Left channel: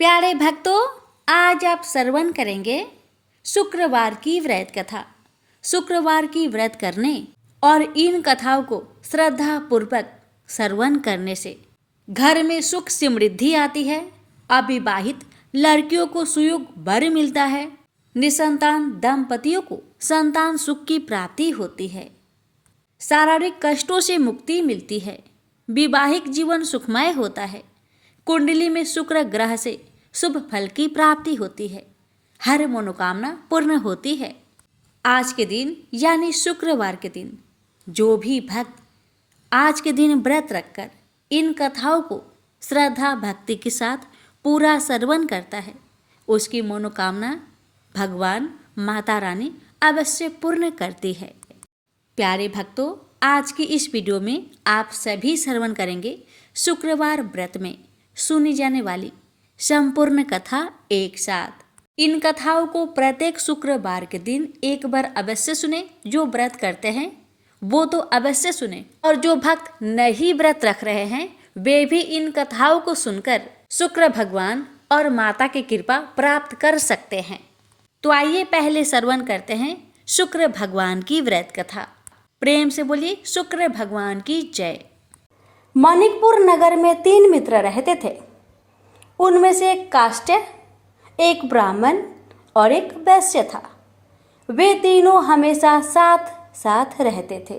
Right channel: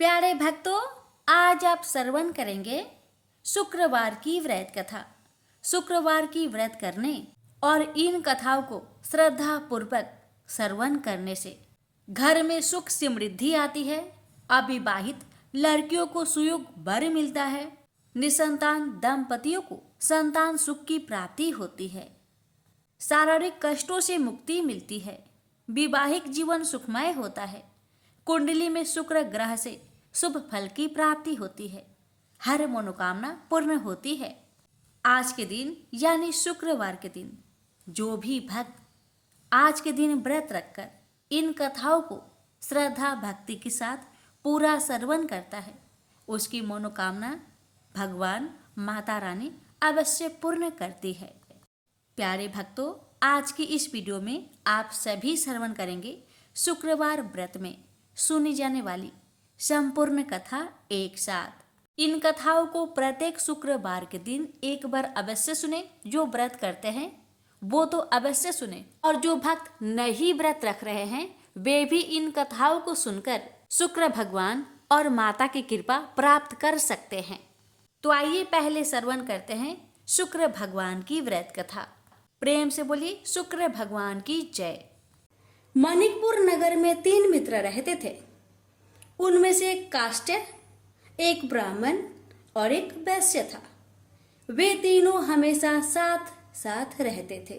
प्यारे भक्तों, आज आप श्रवण करेंगे शुक्रवार की व्रत कथा। शुक्रवार की व्रत करने और इन कथाओं को श्रद्धा पूर्वक श्रवण करने से घर में सुख समृद्धि आती है। अविवाहित लड़कियों को सुयोग वर मिलता है। निसंतान दंपतियों को संतान सुख की प्राप्ति होती है। शारीरिक कष्टों से मुक्ति मिलती है। वैवाहिक जीवन सुखमय होता है। कुंडली में शुक्र ग्रह से शुभ फल की प्राप्ति होती है। हर मनोकामना पूर्ण होती है। आज के दिन यानी शुक्रवार के दिन जो भी भक्त आज के दिन व्रत रखकर इन कथाओं को श्रद्धा भक्ति के साथ पूरा श्रवण करता है, उसकी मनोकामना भगवान माता रानी अवश्य पूर्ण करती है। प्यारे भक्तों, आज की इस वीडियो में आप सभी श्रवण करेंगे शुक्रवार व्रत में सुनी जाने वाली संपूर्ण कथा एक साथ। इन कथाओं को प्रत्येक शुक्रवार के दिन एक बार अवश्य सुने। जो व्रत करते हैं वो तो अवश्य सुने, और जो भक्त नहीं व्रत रख रहे हैं वे भी इन कथाओं को सुनकर शुक्र भगवान और माता की कृपा प्राप्त कर सकते हैं। तो आइए पहले श्रवण करते हैं शुक्र भगवान की व्रत कथा। प्रेम से बोलिए शुक्र भगवान की जय। मानिकपुर नगर में 3 मित्र रहते थे। उनमें से एक काष्ट, एक ब्राह्मण और एक वैश्य था। वे तीनों हमेशा साथ साथ रहते थे।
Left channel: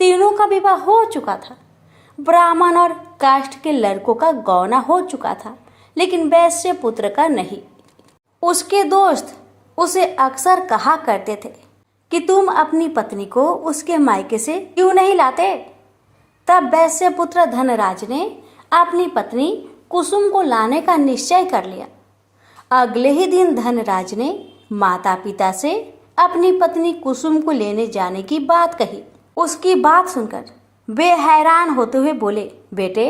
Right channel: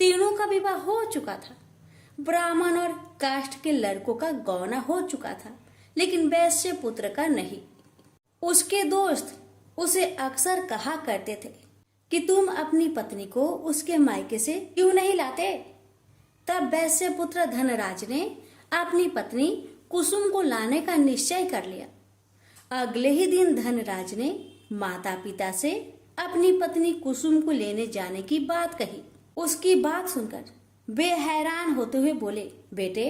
तीनों का विवाह हो चुका था। ब्राह्मण और काष्ट के लड़कों का गौना हो चुका था, लेकिन वैश्य पुत्र का नहीं। उसके दोस्त उसे अक्सर कहा करते थे कि तुम अपनी पत्नी को उसके मायके से क्यों नहीं लाते। तब वैश्य पुत्र धनराज ने अपनी पत्नी कुसुम को लाने का निश्चय कर लिया। अगले ही दिन धनराज ने माता पिता से अपनी पत्नी कुसुम को लेने जाने की बात कही। उसकी बात सुनकर वे हैरान होते हुए बोले, बेटे,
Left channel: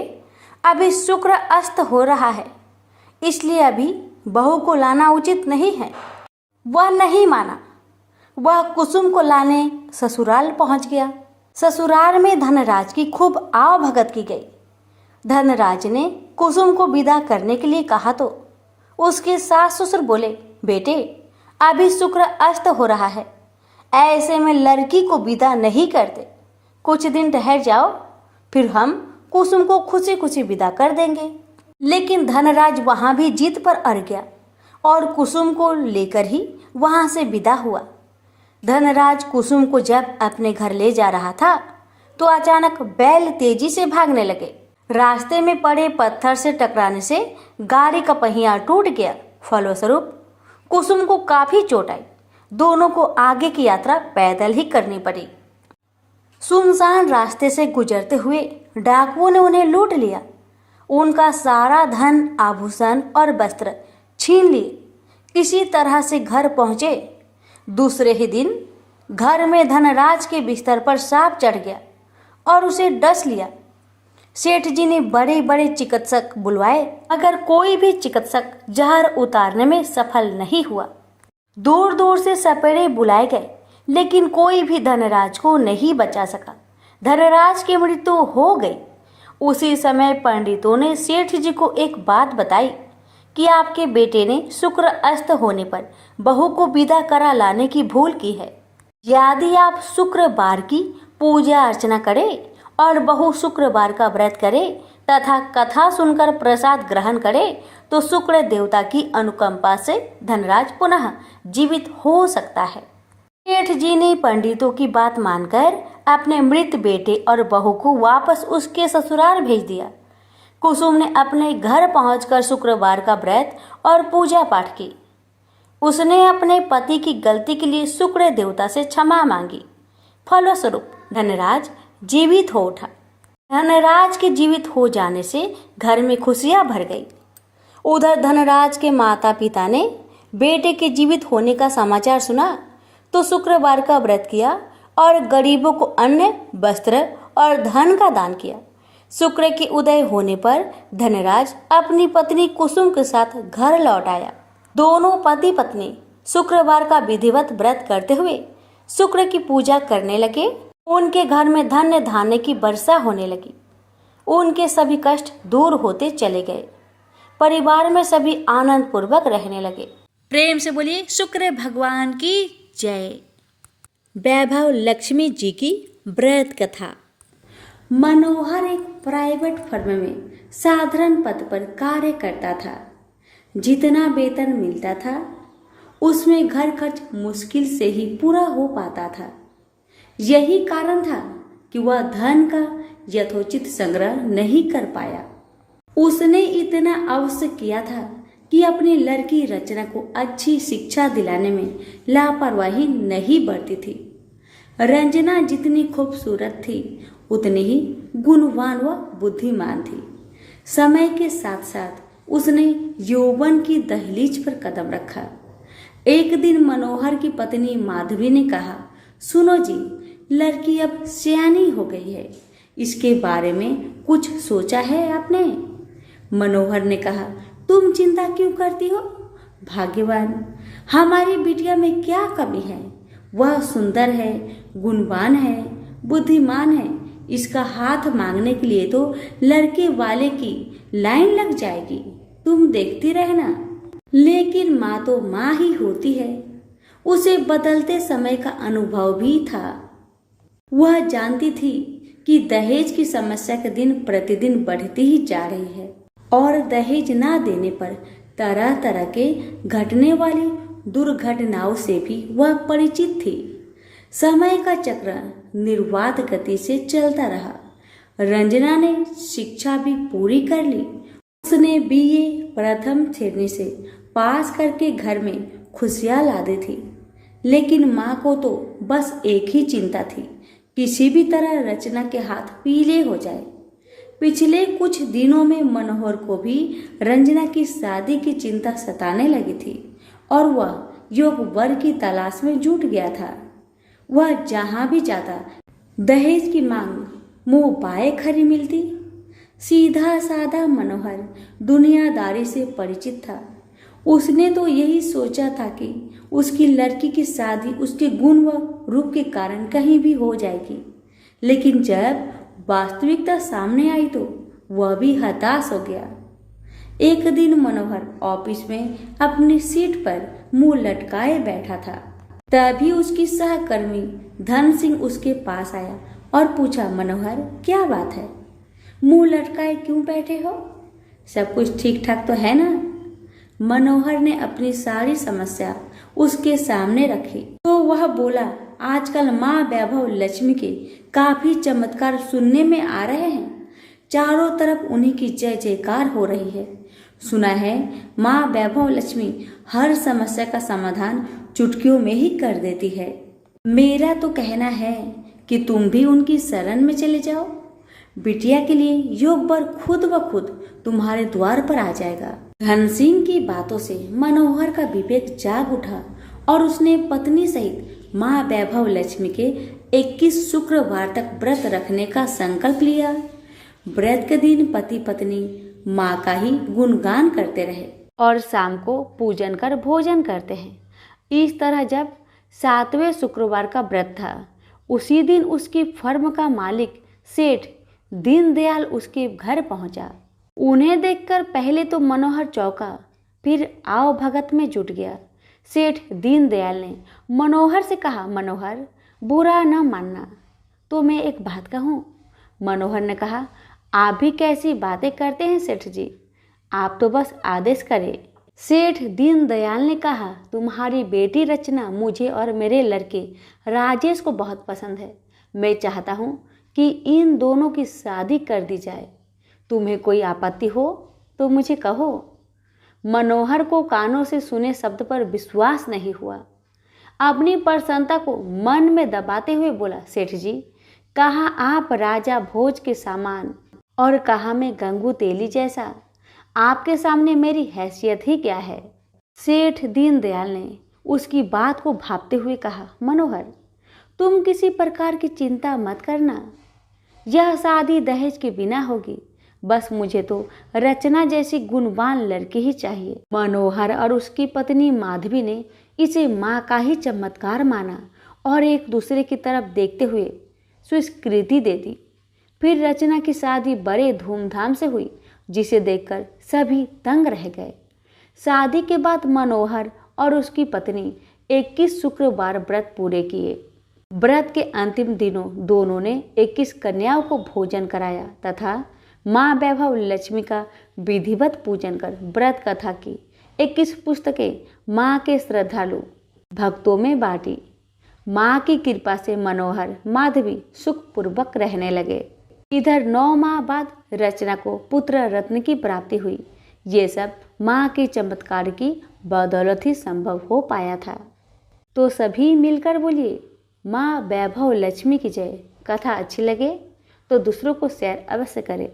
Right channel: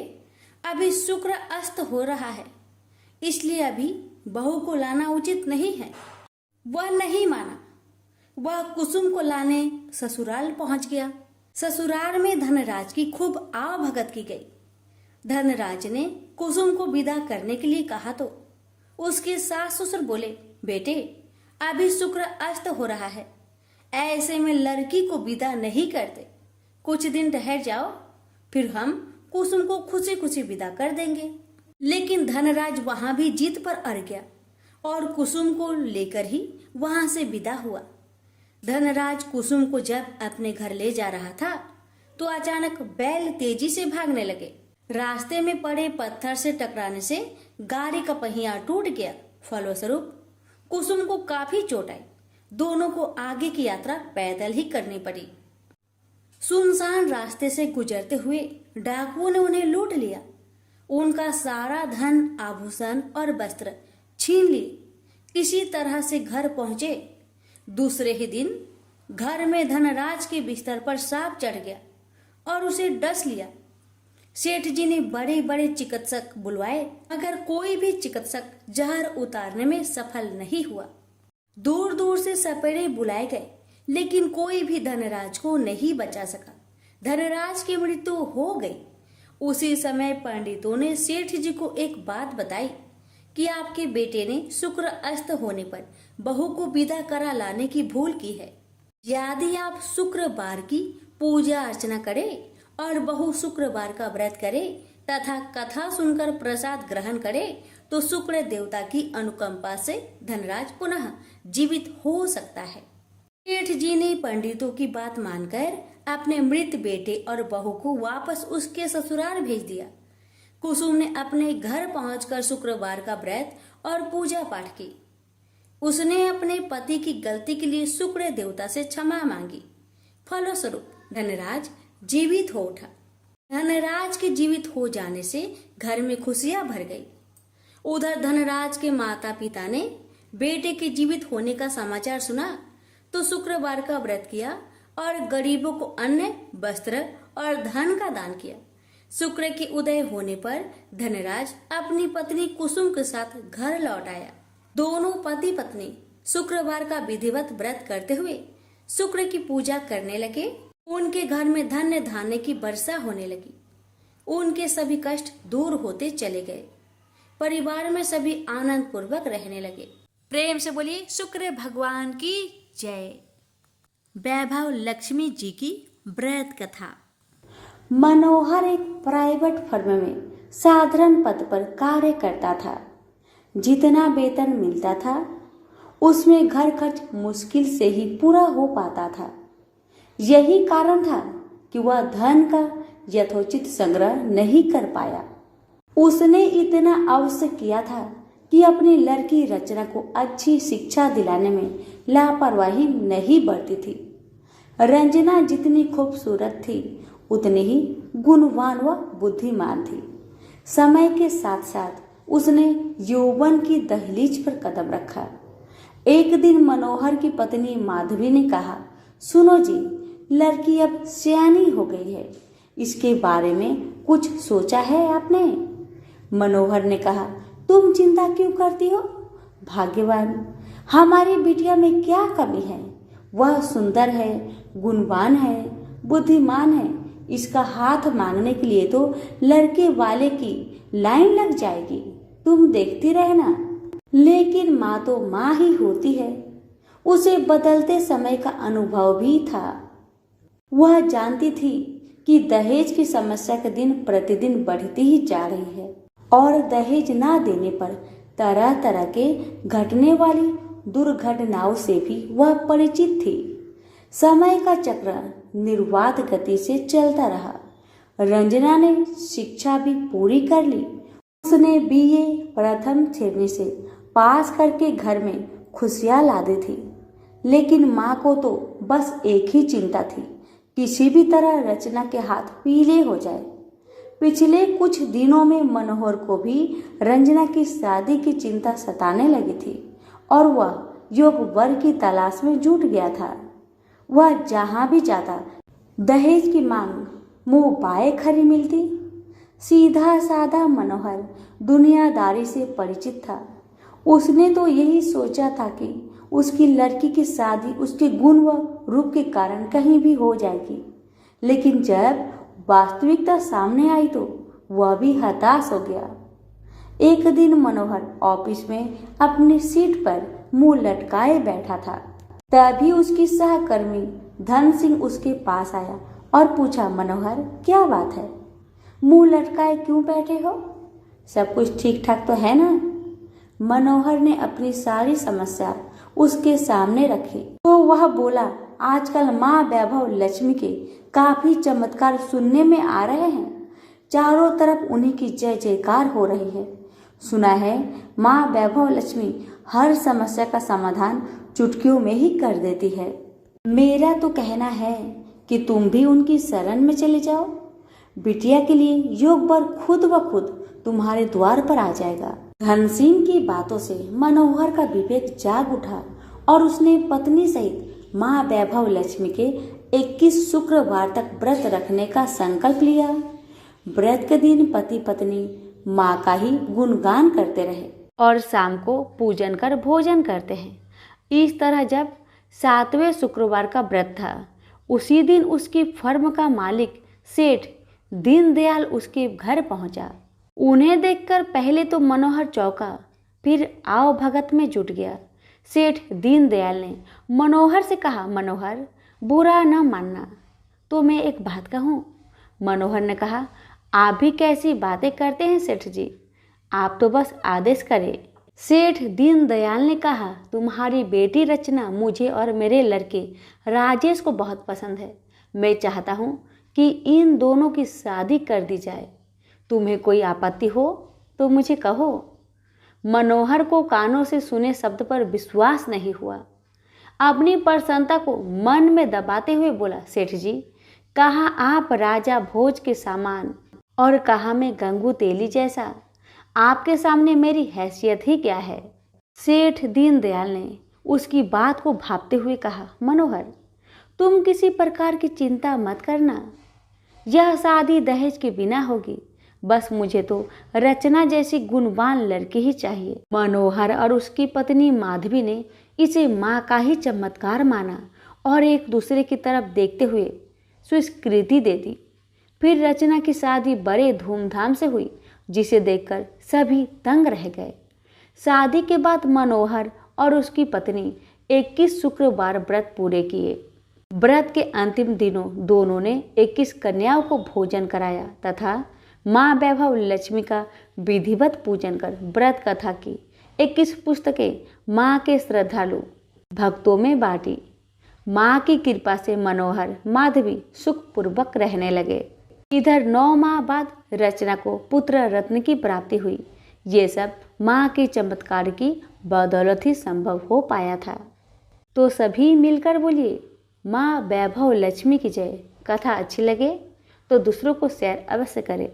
अभी शुक्र अस्त हो रहा है, इसलिए अभी बहू को लाना उचित नहीं है। वह नहीं माना। वह कुसुम को लाने ससुराल पहुंच गया। ससुराल में धनराज की खूब आवभगत की गई। धनराज ने कुसुम को विदा करने के लिए कहा तो उसके सास ससुर बोले, बेटे, अभी शुक्र अस्त हो रहा है, ऐसे में लड़की को विदा नहीं करते। कुछ दिन ठहर जाओ, फिर हम कुसुम को खुशी खुशी विदा कर देंगे। लेकिन धनराज वहां भी जीत पर अड़ गया और कुसुम को लेकर ही वहां से विदा हुआ। धनराज कुसुम को जब अपने घर ले जा रहा था तो अचानक बैल तेजी से भागने लगे। रास्ते में पड़े पत्थर से टकराने से गाड़ी का पहिया टूट गया। फलस्वरूप कुसुम को काफी चोट आई। दोनों को आगे की यात्रा पैदल ही करनी पड़ी। सुनसान रास्ते से गुजरते हुए डाकुओं ने उन्हें लूट लिया। उनका सारा धन, आभूषण और वस्त्र छीन लिए। किसी तरह से घर पहुंचे। दूसरे ही दिन घर में धनराज के बिस्तर पर सांप चढ़ गया और उसे डस लिया। सेठ जी ने बड़े बड़े चिकित्सक बुलवाए, मगर कोई भी चिकित्सक जहर उतारने में सफल नहीं हुआ। दूर दूर से सपेरे बुलाए गए, लेकिन कोई भी धनराज को नहीं बचा सका। धनराज की मृत्यु हो गई। उसी समय पंडितों ने सेठ जी को एक बात बताई कि आपके बेटे ने शुक्र अस्त होने पर बहू को विदा करा लाने की भूल की है। यदि आप शुक्रवार की पूजा अर्चना करें और बहू शुक्रवार का व्रत करे तथा कथा सुनकर प्रसाद ग्रहण करे तो शुक्र देवता की अनुकंपा से धनराज पुनः जीवित हो सकता है। सेठ जी ने पंडितों की बात मानकर अपने मृत बेटे और बहू को वापस उसके ससुराल भेज दिया। कुसुम ने अपने घर पहुंचकर शुक्रवार का व्रत और पूजा पाठ की। उसने अपने पति की गलती के लिए शुक्र देवता से क्षमा मांगी। फलस्वरूप धनराज जीवित हो उठा। धनराज के जीवित हो जाने से घर में खुशियां भर गई। उधर धनराज के माता पिता ने बेटे के जीवित होने का समाचार सुना तो शुक्रवार का व्रत किया और गरीबों को अन्न, वस्त्र और धन का दान किया। शुक्र के उदय होने पर धनराज अपनी पत्नी कुसुम के साथ घर लौट आया। दोनों पति पत्नी शुक्रवार का विधिवत व्रत करते हुए शुक्र की पूजा करने लगे। उनके घर में धन्य धान्य की वर्षा होने लगी। उनके सभी कष्ट दूर होते चले गए। परिवार में सभी आनंद पूर्वक रहने लगे। प्रेम से बोलिए शुक्र भगवान की जय। वैभव लक्ष्मी जी की व्रत कथा। मनोहर एक प्राइवेट फर्म में साधारण पद पर कार्य करता था। जितना वेतन मिलता था उसमें घर खर्च मुश्किल से ही पूरा हो पाता था। यही कारण था कि वह धन का यथोचित संग्रह नहीं कर पाया। उसने इतना अवश्य किया था कि अपनी लड़की रचना को अच्छी शिक्षा दिलाने में लापरवाही नहीं बरती थी। रंजना जितनी खूबसूरत थी उतनी ही गुणवान व बुद्धिमान थी। समय के साथ साथ उसने यौवन की दहलीज पर कदम रखा। एक दिन मनोहर की पत्नी माधवी ने कहा, सुनो जी, लड़की अब सयानी हो गई है, इसके बारे में कुछ सोचा है आपने? मनोहर ने कहा, तुम चिंता क्यों करती हो? भाग्यवान, हमारी बिटिया में क्या कमी है? वह सुंदर है, गुणवान है, बुद्धिमान है। इसका हाथ मांगने के लिए तो लड़के वाले की लाइन लग जाएगी, तुम देखती रहना। लेकिन माँ तो माँ ही होती है। उसे बदलते समय का अनुभव भी था। वह जानती थी कि दहेज की समस्या के दिन प्रतिदिन बढ़ती ही जा रही है और दहेज ना देने पर तरह तरह के घटने वाली दुर्घटनाओं से भी वह परिचित थी। समय का चक्र निर्वाध गति से चलता रहा। रंजना ने शिक्षा भी पूरी कर ली। उसने बीए प्रथम श्रेणी से पास करके घर में खुशियां ला दी थी। लेकिन माँ को तो बस एक ही चिंता थी, किसी भी तरह रचना के हाथ पीले हो जाए। पिछले कुछ दिनों में मनोहर को भी रंजना की शादी की चिंता सताने लगी थी और वह योग्य वर की तलाश में जुट गया था। वह जहां भी जाता दहेज की मांग मुंह बाए खरी मिलती। सीधा साधा मनोहर दुनियादारी से परिचित था। उसने तो यही सोचा था कि उसकी लड़की की शादी उसके गुण व रूप के कारण कहीं भी हो जाएगी। लेकिन जब वास्तविकता सामने आई तो वह भी हताश हो गया। एक दिन मनोहर ऑफिस में अपनी सीट पर मुंह लटकाए बैठा था। तभी उसकी सहकर्मी धन सिंह उसके पास आया और पूछा, मनोहर क्या बात है, मुंह लटकाए क्यों बैठे हो? सब कुछ ठीक ठाक तो है ना? मनोहर ने अपनी सारी समस्या उसके सामने रखी तो वह बोला, आजकल माँ वैभव लक्ष्मी के काफी चमत्कार सुनने में आ रहे हैं। चारों तरफ उन्हीं की जय जयकार हो रही है। सुना है माँ वैभव लक्ष्मी हर समस्या का समाधान चुटकियों में ही कर देती है। मेरा तो कहना है कि तुम भी उनकी शरण में चले जाओ। बिटिया के लिए योग वर खुद ब खुद तुम्हारे द्वार पर आ जाएगा। धन सिंह की बातों से मनोहर का विवेक जाग उठा और उसने पत्नी सहित माँ वैभव लक्ष्मी के 21 शुक्रवार तक व्रत रखने का संकल्प लिया। व्रत के दिन पति पत्नी माँ का ही गुणगान करते रहे और शाम को पूजन कर भोजन करते हैं। इस तरह जब 7वें शुक्रवार का व्रत था, उसी दिन उसकी फर्म का मालिक सेठ दीनदयाल उसके घर पहुंचा। उन्हें देखकर पहले तो मनोहर चौंका, फिर आओ भगत में जुट गया। सेठ दीनदयाल ने मनोहर से कहा, मनोहर बुरा न मानना, तो मैं एक बात कहूँ। मनोहर ने कहा, आप भी कैसी बातें करते हैं सेठ जी, आप तो बस आदेश करें। सेठ दीनदयाल ने कहा, तुम्हारी बेटी रचना मुझे और मेरे लड़के राजेश को बहुत पसंद है। मैं चाहता हूँ कि इन दोनों की शादी कर दी जाए। तुम्हें कोई आपत्ति हो तो मुझे कहो। मनोहर को कानों से सुने शब्द पर विश्वास नहीं हुआ। अपनी प्रसन्नता को मन में दबाते हुए बोला, सेठ जी, कहा आप राजा भोज के सामान और कहा मैं गंगू तेली जैसा। आपके सामने मेरी हैसियत ही क्या है? सेठ दीनदयाल ने उसकी बात को भांपते हुए कहा, मनोहर तुम किसी प्रकार की चिंता मत करना, यह शादी दहेज के बिना होगी। बस मुझे तो रचना जैसी गुणवान लड़की ही चाहिए। मनोहर और उसकी पत्नी माधवी ने इसे माँ का ही चमत्कार माना और एक दूसरे की तरफ देखते हुए स्वीकृति दे दी। फिर रचना की शादी बड़े धूमधाम से हुई। जिसे देखकर सभी दंग रह गए। शादी के बाद मनोहर और उसकी पत्नी 21 शुक्रवार व्रत पूरे किए। व्रत के अंतिम दिनों दोनों ने 21 कन्याओं को भोजन कराया तथा माँ वैभव लक्ष्मी का विधिवत पूजन कर व्रत कथा की 21 पुस्तकें माँ के श्रद्धालु भक्तों में बांटी। माँ की कृपा से मनोहर माधवी सुखपूर्वक रहने लगे। इधर 9 माह बाद रचना को पुत्र रत्न की प्राप्ति हुई। ये सब माँ के चमत्कार की बदौलत ही संभव हो पाया था। तो सभी मिलकर बोलिए माँ वैभव लक्ष्मी की जय। कथा अच्छी लगे तो दूसरों को शेयर अवश्य करें।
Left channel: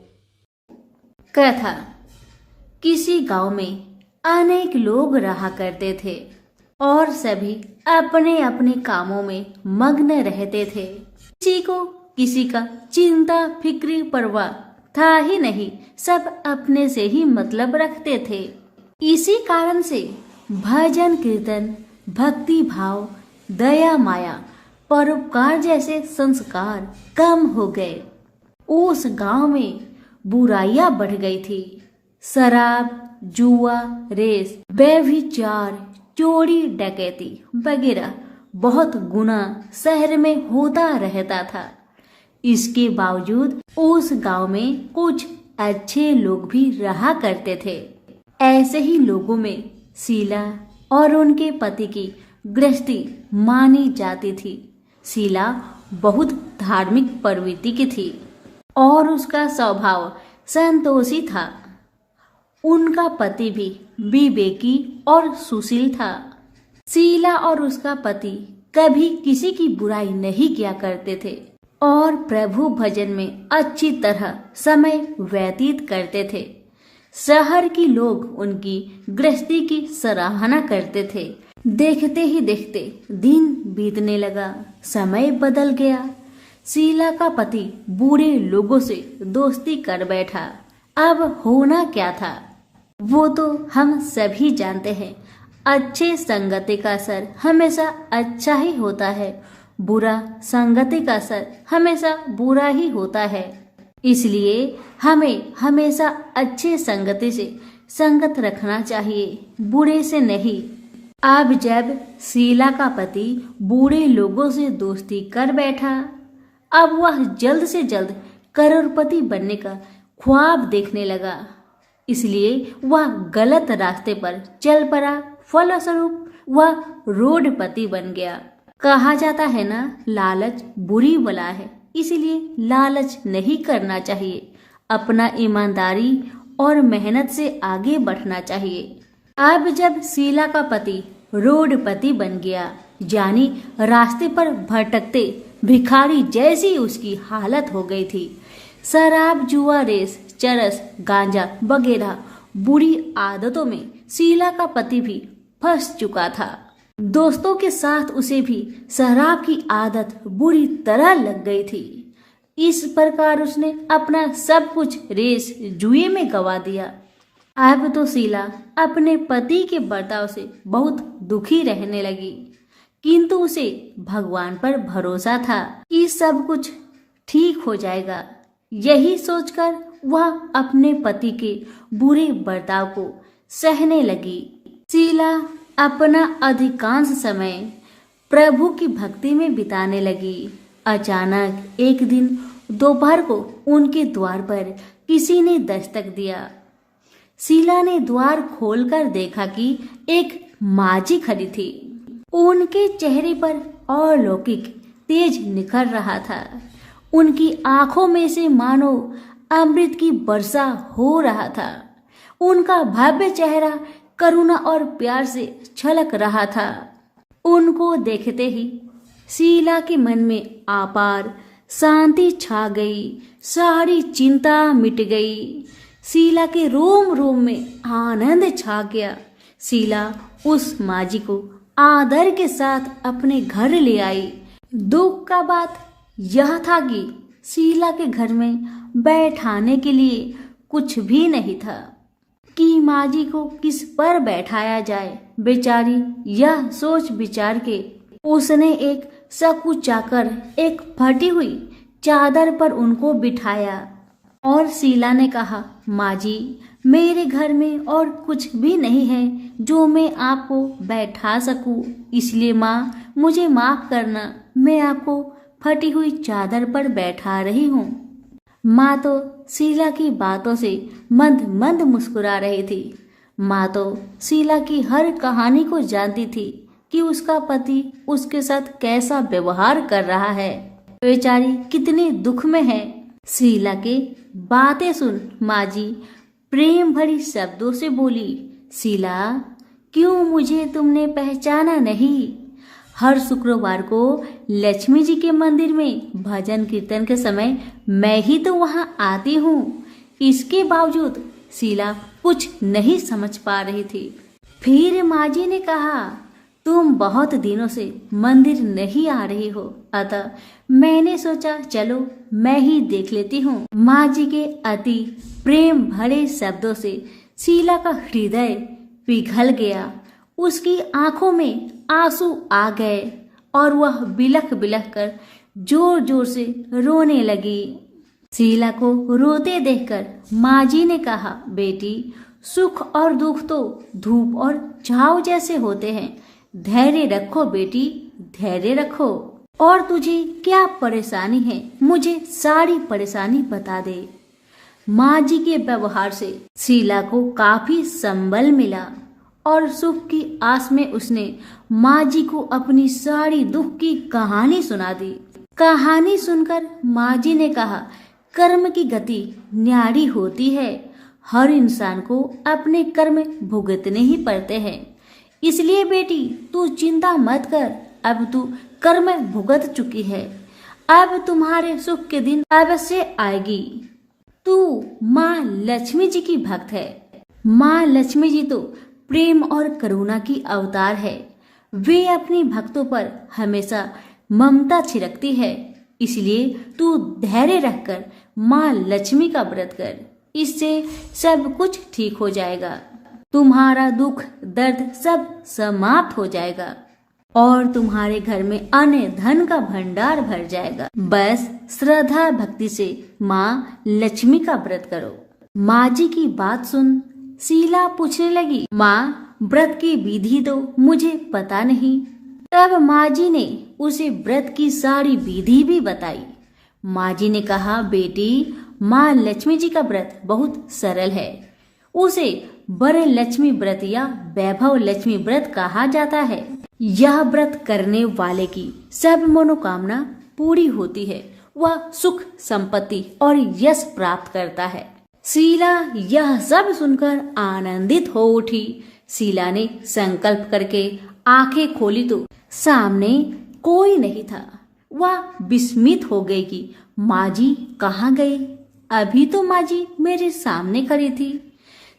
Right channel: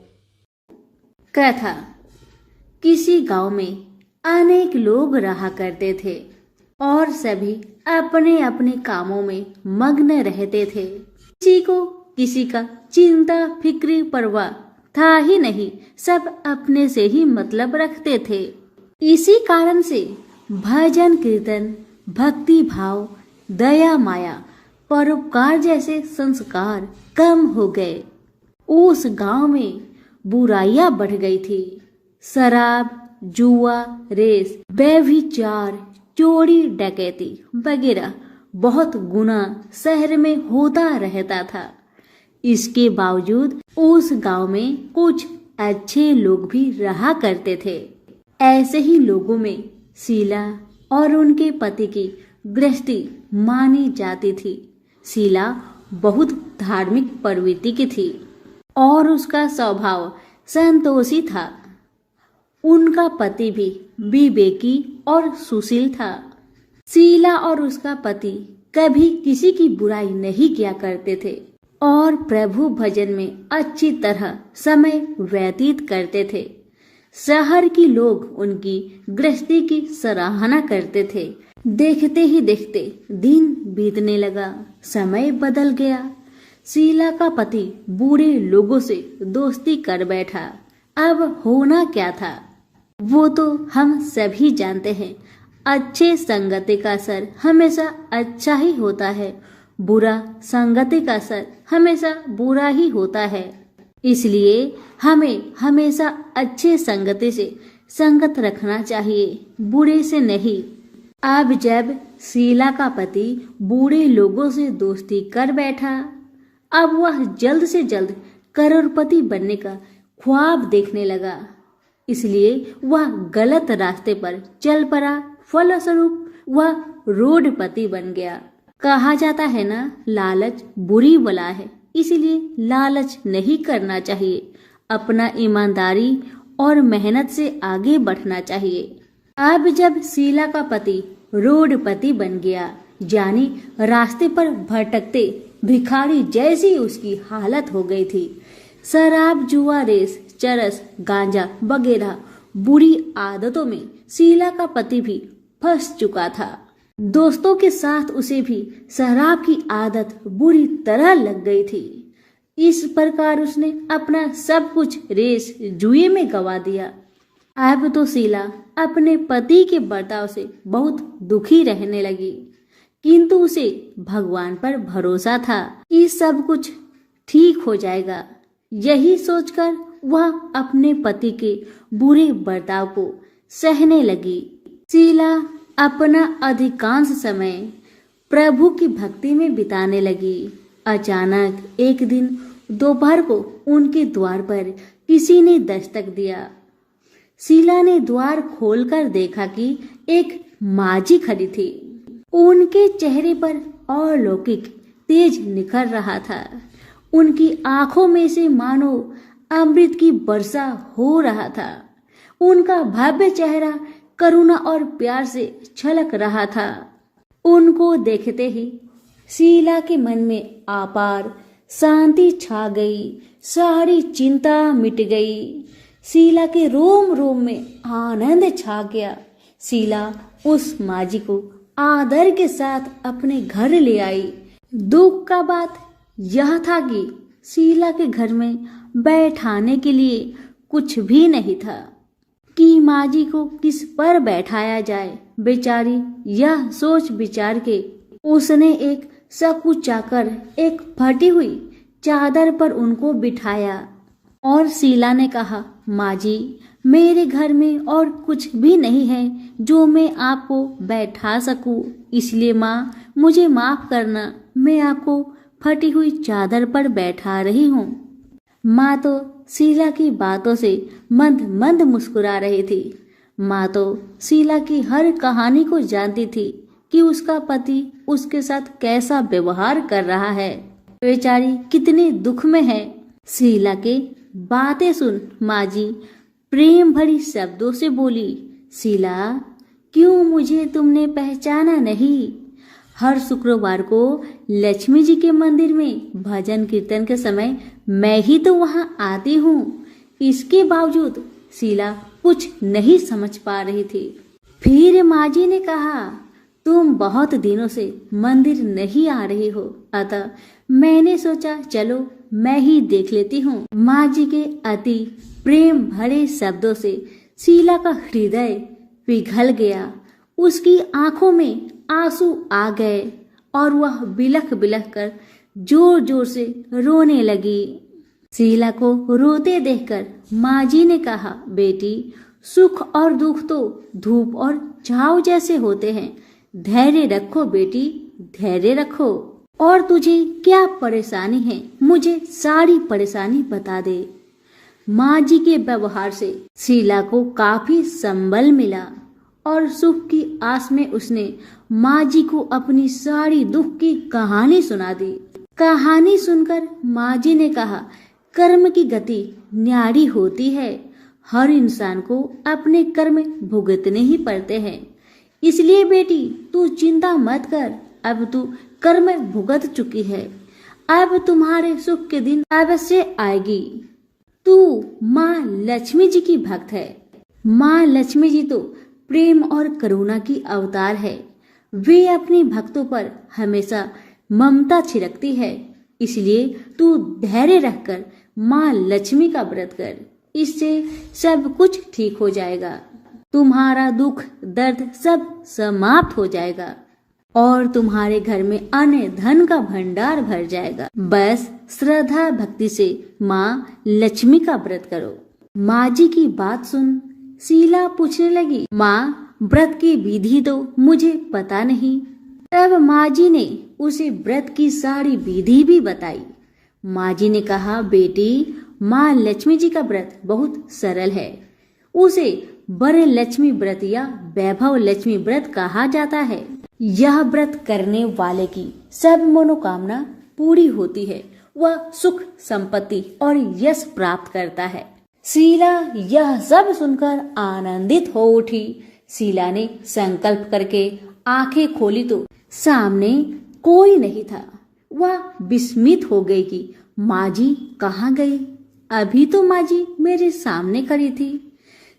कथा। किसी गांव में अनेक लोग रहा करते थे और सभी अपने अपने कामों में मग्न रहते थे। किसी को किसी का चिंता फिक्री परवाह था ही नहीं, सब अपने से ही मतलब रखते थे। इसी कारण से भजन कीर्तन, भक्ति भाव, दया माया, परोपकार जैसे संस्कार कम हो गए। उस गांव में बुराइयां बढ़ गई थी। शराब, जुआ, रेस, व्यभिचार, चोरी डकैती वगैरह बहुत गुना शहर में होता रहता था। इसके बावजूद उस गांव में कुछ अच्छे लोग भी रहा करते थे। ऐसे ही लोगों में शीला और उनके पति की गृहस्थी मानी जाती थी। शीला बहुत धार्मिक प्रवृत्ति की थी और उसका स्वभाव संतोषी था। उनका पति भी विवेकी और सुशील था। शीला और उसका पति कभी किसी की बुराई नहीं किया करते थे और प्रभु भजन में अच्छी तरह समय व्यतीत करते थे। शहर के लोग उनकी गृहस्थी की सराहना करते थे। देखते ही देखते दिन बीतने लगा, समय बदल गया। शीला का पति बुरे लोगों से दोस्ती कर बैठा। अब होना क्या था वो तो हम सभी जानते हैं। अच्छे संगति का असर हमेशा अच्छा ही होता है, बुरा संगति का असर हमेशा बुरा ही होता है। इसलिए हमें हमेशा अच्छे संगति से संगत रखना चाहिए, बुरे से नहीं। अब जब शीला का पति बुरे लोगों से दोस्ती कर बैठा, अब वह जल्द से जल्द करोड़पति बनने का ख्वाब देखने लगा। इसलिए वह गलत रास्ते पर चल पड़ा। फलस्वरूप वह रोडपति बन गया। कहा जाता है ना, लालच बुरी बला है, इसलिए लालच नहीं करना चाहिए। अपना ईमानदारी और मेहनत से आगे बढ़ना चाहिए। अब जब शीला का पति रोडपति बन गया, यानी रास्ते पर भटकते भिखारी जैसी उसकी हालत हो गई थी। शराब, जुआ, रेस, चरस, गांजा वगैरह बुरी आदतों में शीला का पति भी फंस चुका था। दोस्तों के साथ उसे भी शराब की आदत बुरी तरह लग गई थी। इस प्रकार उसने अपना सब कुछ रेस जुए में गवा दिया। अब तो शीला अपने पति के बर्ताव से बहुत दुखी रहने लगी, किंतु उसे भगवान पर भरोसा था कि सब कुछ ठीक हो जाएगा। यही सोचकर वह अपने पति के बुरे बर्ताव को सहने लगी। शीला अपना अधिकांश समय प्रभु की भक्ति में बिताने लगी। अचानक एक दिन दोपहर को उनके द्वार पर किसी ने दस्तक दिया। शीला ने द्वार खोलकर देखा कि एक माझी खड़ी थी। उनके चेहरे पर अलौकिक तेज निखर रहा था। उनकी आंखों में से मानो अमृत की वर्षा हो रहा था। उनका भव्य चेहरा करुणा और प्यार से छलक रहा था। उनको देखते ही शीला के मन में अपार शांति छा गई। सारी चिंता मिट गई। शीला के रोम रोम में आनंद छा गया। शीला उस माझी को आदर के साथ अपने घर ले आई। दुख का बात यह था कि शीला के घर में बैठाने के लिए कुछ भी नहीं था कि माझी को किस पर बैठाया जाए। बेचारी यह सोच विचार के उसने एक सकुचाकर एक फटी हुई चादर पर उनको बिठाया। और शीला ने कहा, माँ जी, मेरे घर में और कुछ भी नहीं है जो मैं आपको बैठा सकूं, इसलिए माँ मुझे माफ करना, मैं आपको फटी हुई चादर पर बैठा रही हूँ। माँ तो शीला की बातों से मंद मंद मुस्कुरा रही थी। माँ तो शीला की हर कहानी को जानती थी कि उसका पति उसके साथ कैसा व्यवहार कर रहा है। बेचारी कितने दुख में है। शीला के बातें सुन माँ जी प्रेम भरी शब्दों से बोली, शीला, क्यों मुझे तुमने पहचाना नहीं? हर शुक्रवार को लक्ष्मी जी के मंदिर में भजन कीर्तन के समय मैं ही तो वहाँ आती हूँ। इसके बावजूद शीला कुछ नहीं समझ पा रही थी। फिर माँ जी ने कहा, तुम बहुत दिनों से मंदिर नहीं आ रही हो, अतः मैंने सोचा चलो मैं ही देख लेती हूँ। माँ जी के अति प्रेम भरे शब्दों से शीला का हृदय पिघल गया। उसकी आंखों में आंसू आ गए और वह बिलख बिलख कर जोर जोर से रोने लगी। शीला को रोते देखकर माँ जी ने कहा, बेटी, सुख और दुख तो धूप और छांव जैसे होते हैं, धैर्य रखो बेटी, धैर्य रखो। और तुझे क्या परेशानी है, मुझे सारी परेशानी बता दे। माँ जी के व्यवहार से शीला को काफी संबल मिला और सुख की आस में उसने माँ जी को अपनी सारी दुख की कहानी सुना दी। कहानी सुनकर माँ जी ने कहा, कर्म की गति न्यारी होती है, हर इंसान को अपने कर्म भुगतने ही पड़ते हैं, इसलिए बेटी तू चिंता मत कर, अब तू कर्म भुगत चुकी है, अब तुम्हारे सुख के दिन अवश्य आएगी। तू माँ लक्ष्मी जी की भक्त है। माँ लक्ष्मी जी तो प्रेम और करुणा की अवतार है। वे अपने भक्तों पर हमेशा ममता छिड़कती है, इसलिए तू धैर्य रखकर माँ लक्ष्मी का व्रत कर, इससे सब कुछ ठीक हो जाएगा। तुम्हारा दुख दर्द सब समाप्त हो जाएगा और तुम्हारे घर में अन्न धन का भंडार भर जाएगा। बस श्रद्धा भक्ति से माँ लक्ष्मी का व्रत करो। माँ जी की बात सुन शीला पूछने लगी, माँ, व्रत की विधि तो मुझे पता नहीं। तब माँ जी ने उसे व्रत की सारी विधि भी बताई। माँ जी ने कहा, बेटी, माँ लक्ष्मी जी का व्रत बहुत सरल है। उसे वर लक्ष्मी व्रत या वैभव लक्ष्मी व्रत कहा जाता है। यह व्रत करने वाले की सब मनोकामना पूरी होती है, वह सुख संपत्ति और यश प्राप्त करता है। शीला यह सब सुनकर आनंदित हो उठी। शीला ने संकल्प करके आंखें खोली तो सामने कोई नहीं था। वह विस्मित हो गई कि माँ जी कहाँ गई? अभी तो माँ जी मेरे सामने खड़ी थी।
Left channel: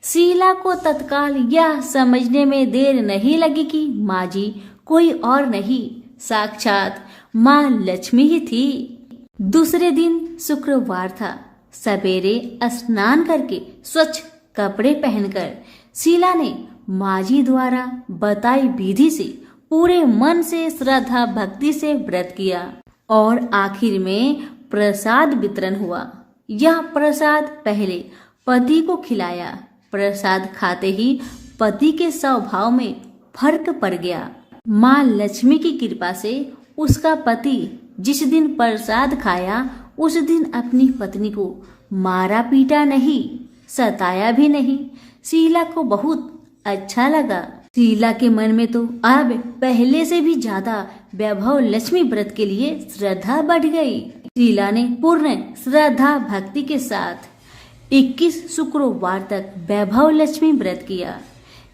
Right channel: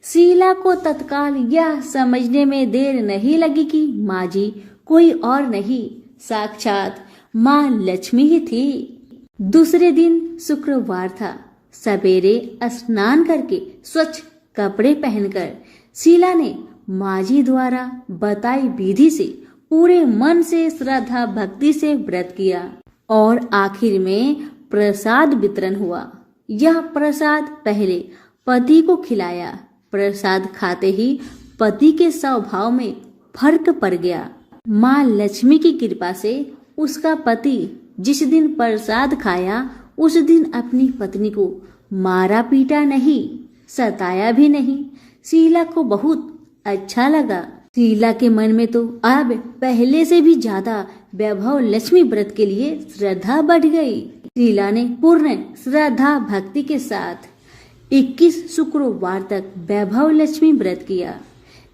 शीला को तत्काल यह समझने में देर नहीं लगी कि माँ जी कोई और नहीं, साक्षात माँ लक्ष्मी ही थी। दूसरे दिन शुक्रवार था। सवेरे स्नान करके स्वच्छ कपड़े पहनकर शीला ने माँ जी द्वारा बताई विधि से पूरे मन से श्रद्धा भक्ति से व्रत किया और आखिर में प्रसाद वितरण हुआ। यह प्रसाद पहले पति को खिलाया। प्रसाद खाते ही पति के स्वभाव में फर्क पड़ गया। माँ लक्ष्मी की कृपा से उसका पति जिस दिन प्रसाद खाया उस दिन अपनी पत्नी को मारा पीटा नहीं, सताया भी नहीं। शीला को बहुत अच्छा लगा। शीला के मन में तो अब पहले से भी ज्यादा वैभव लक्ष्मी व्रत के लिए श्रद्धा बढ़ गई। शीला ने पूर्ण श्रद्धा भक्ति के साथ 21 शुक्रवार तक वैभव लक्ष्मी व्रत किया।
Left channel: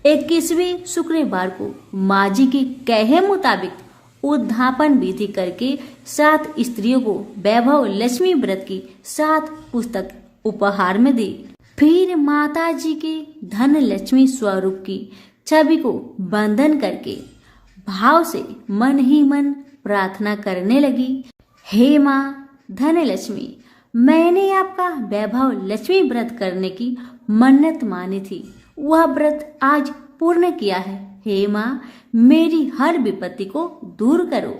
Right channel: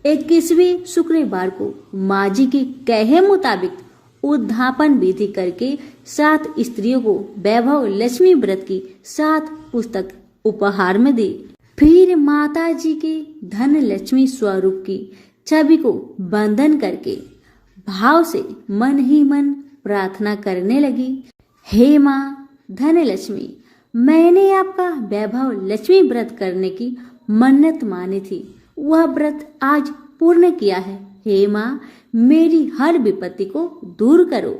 21वें शुक्रवार को माँ जी के कहे मुताबिक उद्धापन विधि करके 7 स्त्रियों को वैभव लक्ष्मी व्रत की 7 पुस्तक उपहार में दी। फिर माता जी के धन लक्ष्मी स्वरूप की छवि को बंधन करके भाव से मन ही मन प्रार्थना करने लगी, हे माँ धन लक्ष्मी, मैंने आपका वैभव लक्ष्मी व्रत करने की मन्नत मानी थी, वह व्रत आज पूर्ण किया है। हे माँ, मेरी हर विपत्ति को दूर करो।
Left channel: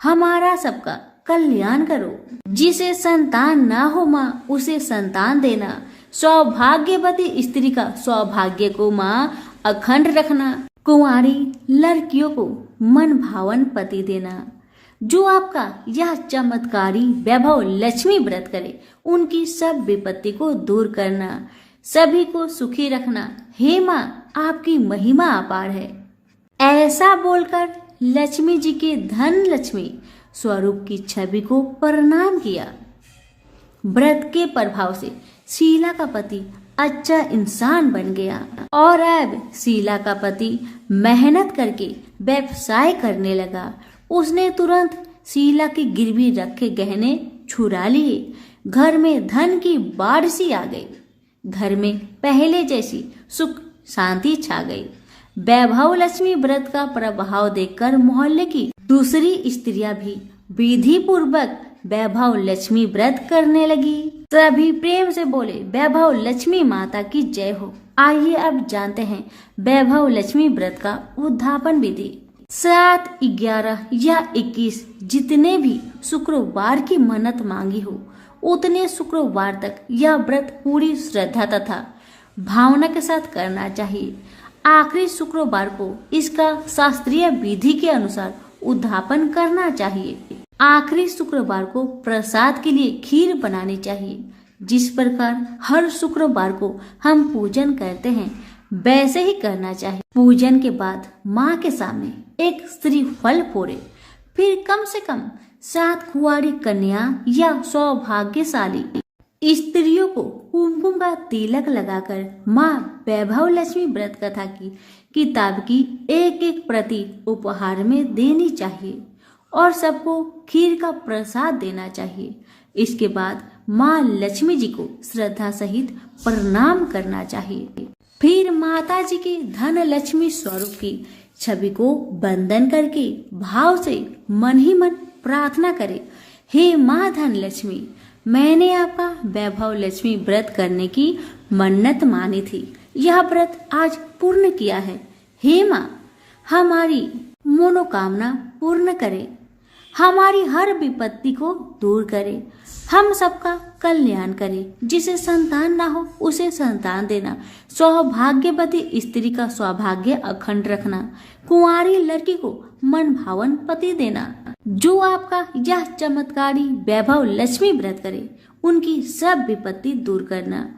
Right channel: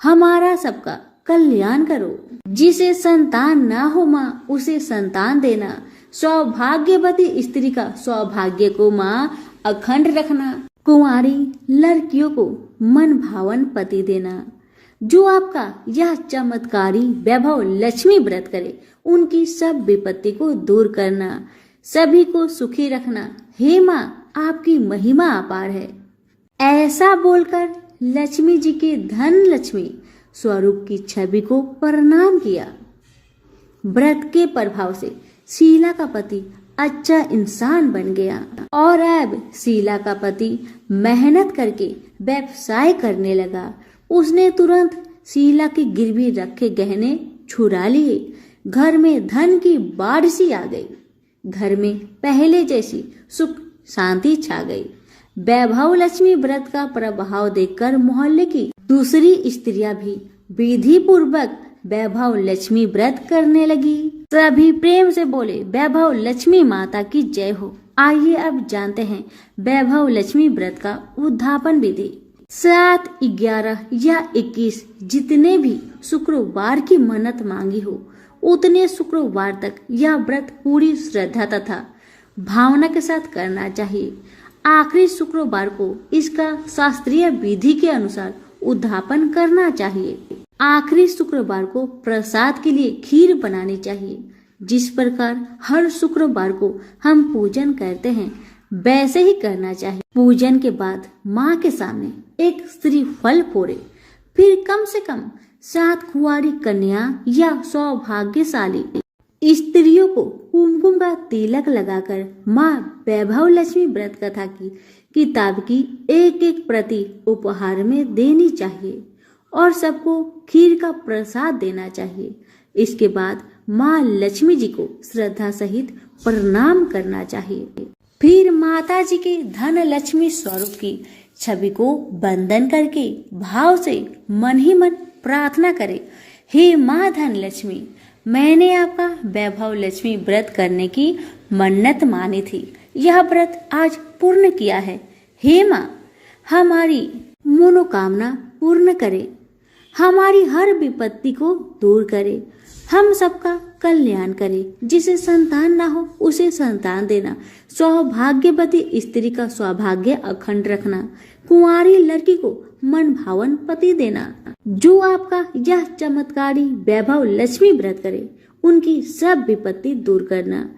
हमारा सबका कल्याण करो। जिसे संतान ना हो माँ उसे संतान देना, सौभाग्यवती स्त्री का सौभाग्य को माँ अखंड रखना, कुंवारी लड़कियों को मन भावन पति देना। जो आपका यह चमत्कारी वैभव लक्ष्मी व्रत करे उनकी सब विपत्ति को दूर करना, सभी को सुखी रखना। हे माँ आपकी महिमा अपार है। ऐसा बोलकर लक्ष्मी जी के धन लक्ष्मी स्वरूप की छवि को प्रणाम किया। व्रत के प्रभाव से शीला का पति अच्छा इंसान बन गया और अब शीला का पति मेहनत करके व्यवसाय करने लगा। उसने तुरंत शीला के गिरवी रखे गहने छुड़ा लिए। घर में धन की बाढ़ सी आ गई। घर में पहले जैसी सुख शांति छा गई। वैभव लक्ष्मी व्रत का प्रभाव देखकर मोहल्ले की दूसरी स्त्रियां भी विधि पूर्वक वैभव लक्ष्मी व्रत करने लगी। सभी प्रेम से बोले वैभव लक्ष्मी माता की जय हो। आइए अब जानते हैं वैभव लक्ष्मी व्रत का उद्यापन विधि। 7, 11 या 21 जितने भी शुक्रवार की मन्नत मांगी हो उतने शुक्रवार तक यह व्रत पूरी श्रद्धा तथा भावना के साथ करना चाहिए। आखिरी शुक्रवार को इसका शास्त्रीय विधि के अनुसार उद्यापन करना चाहिए। आखिरी शुक्रवार को प्रसाद के लिए खीर बनानी चाहिए। जिस प्रकार हर शुक्रवार को हम पूजन करते हैं वैसे ही करना चाहिए। पूजन के बाद माँ के सामने एक श्रीफल फोड़े, फिर कम से कम 7 कुंवारी कन्या या सौभाग्यशाली स्त्रियों को कुमकुम का तिलक लगाकर माँ वैभव लक्ष्मी व्रत कथा की किताब की एक प्रति उपहार में देनी चाहिए और सबको खीर का प्रसाद देना चाहिए। इसके बाद माँ लक्ष्मी जी को श्रद्धा सहित प्रणाम करना चाहिए। फिर माता जी के धन लक्ष्मी स्वरूप की छवि को वंदन करके भाव से मन ही मन प्रार्थना करे, हे माँ धन लक्ष्मी, मैंने आपका वैभव लक्ष्मी व्रत करने की मन्नत मानी थी। यह व्रत आज पूर्ण किया है। हे माँ हमारी मनोकामना पूर्ण करे, हमारी हर विपत्ति को दूर करे, हम सबका कल्याण करे। जिसे संतान ना हो उसे संतान देना, सौभाग्यवती स्त्री का सौभाग्य अखंड रखना, कुंवारी लड़की को मन भावन पति देना। जो आपका यह चमत्कारी वैभव लक्ष्मी व्रत करे उनकी सब विपत्ति दूर करना,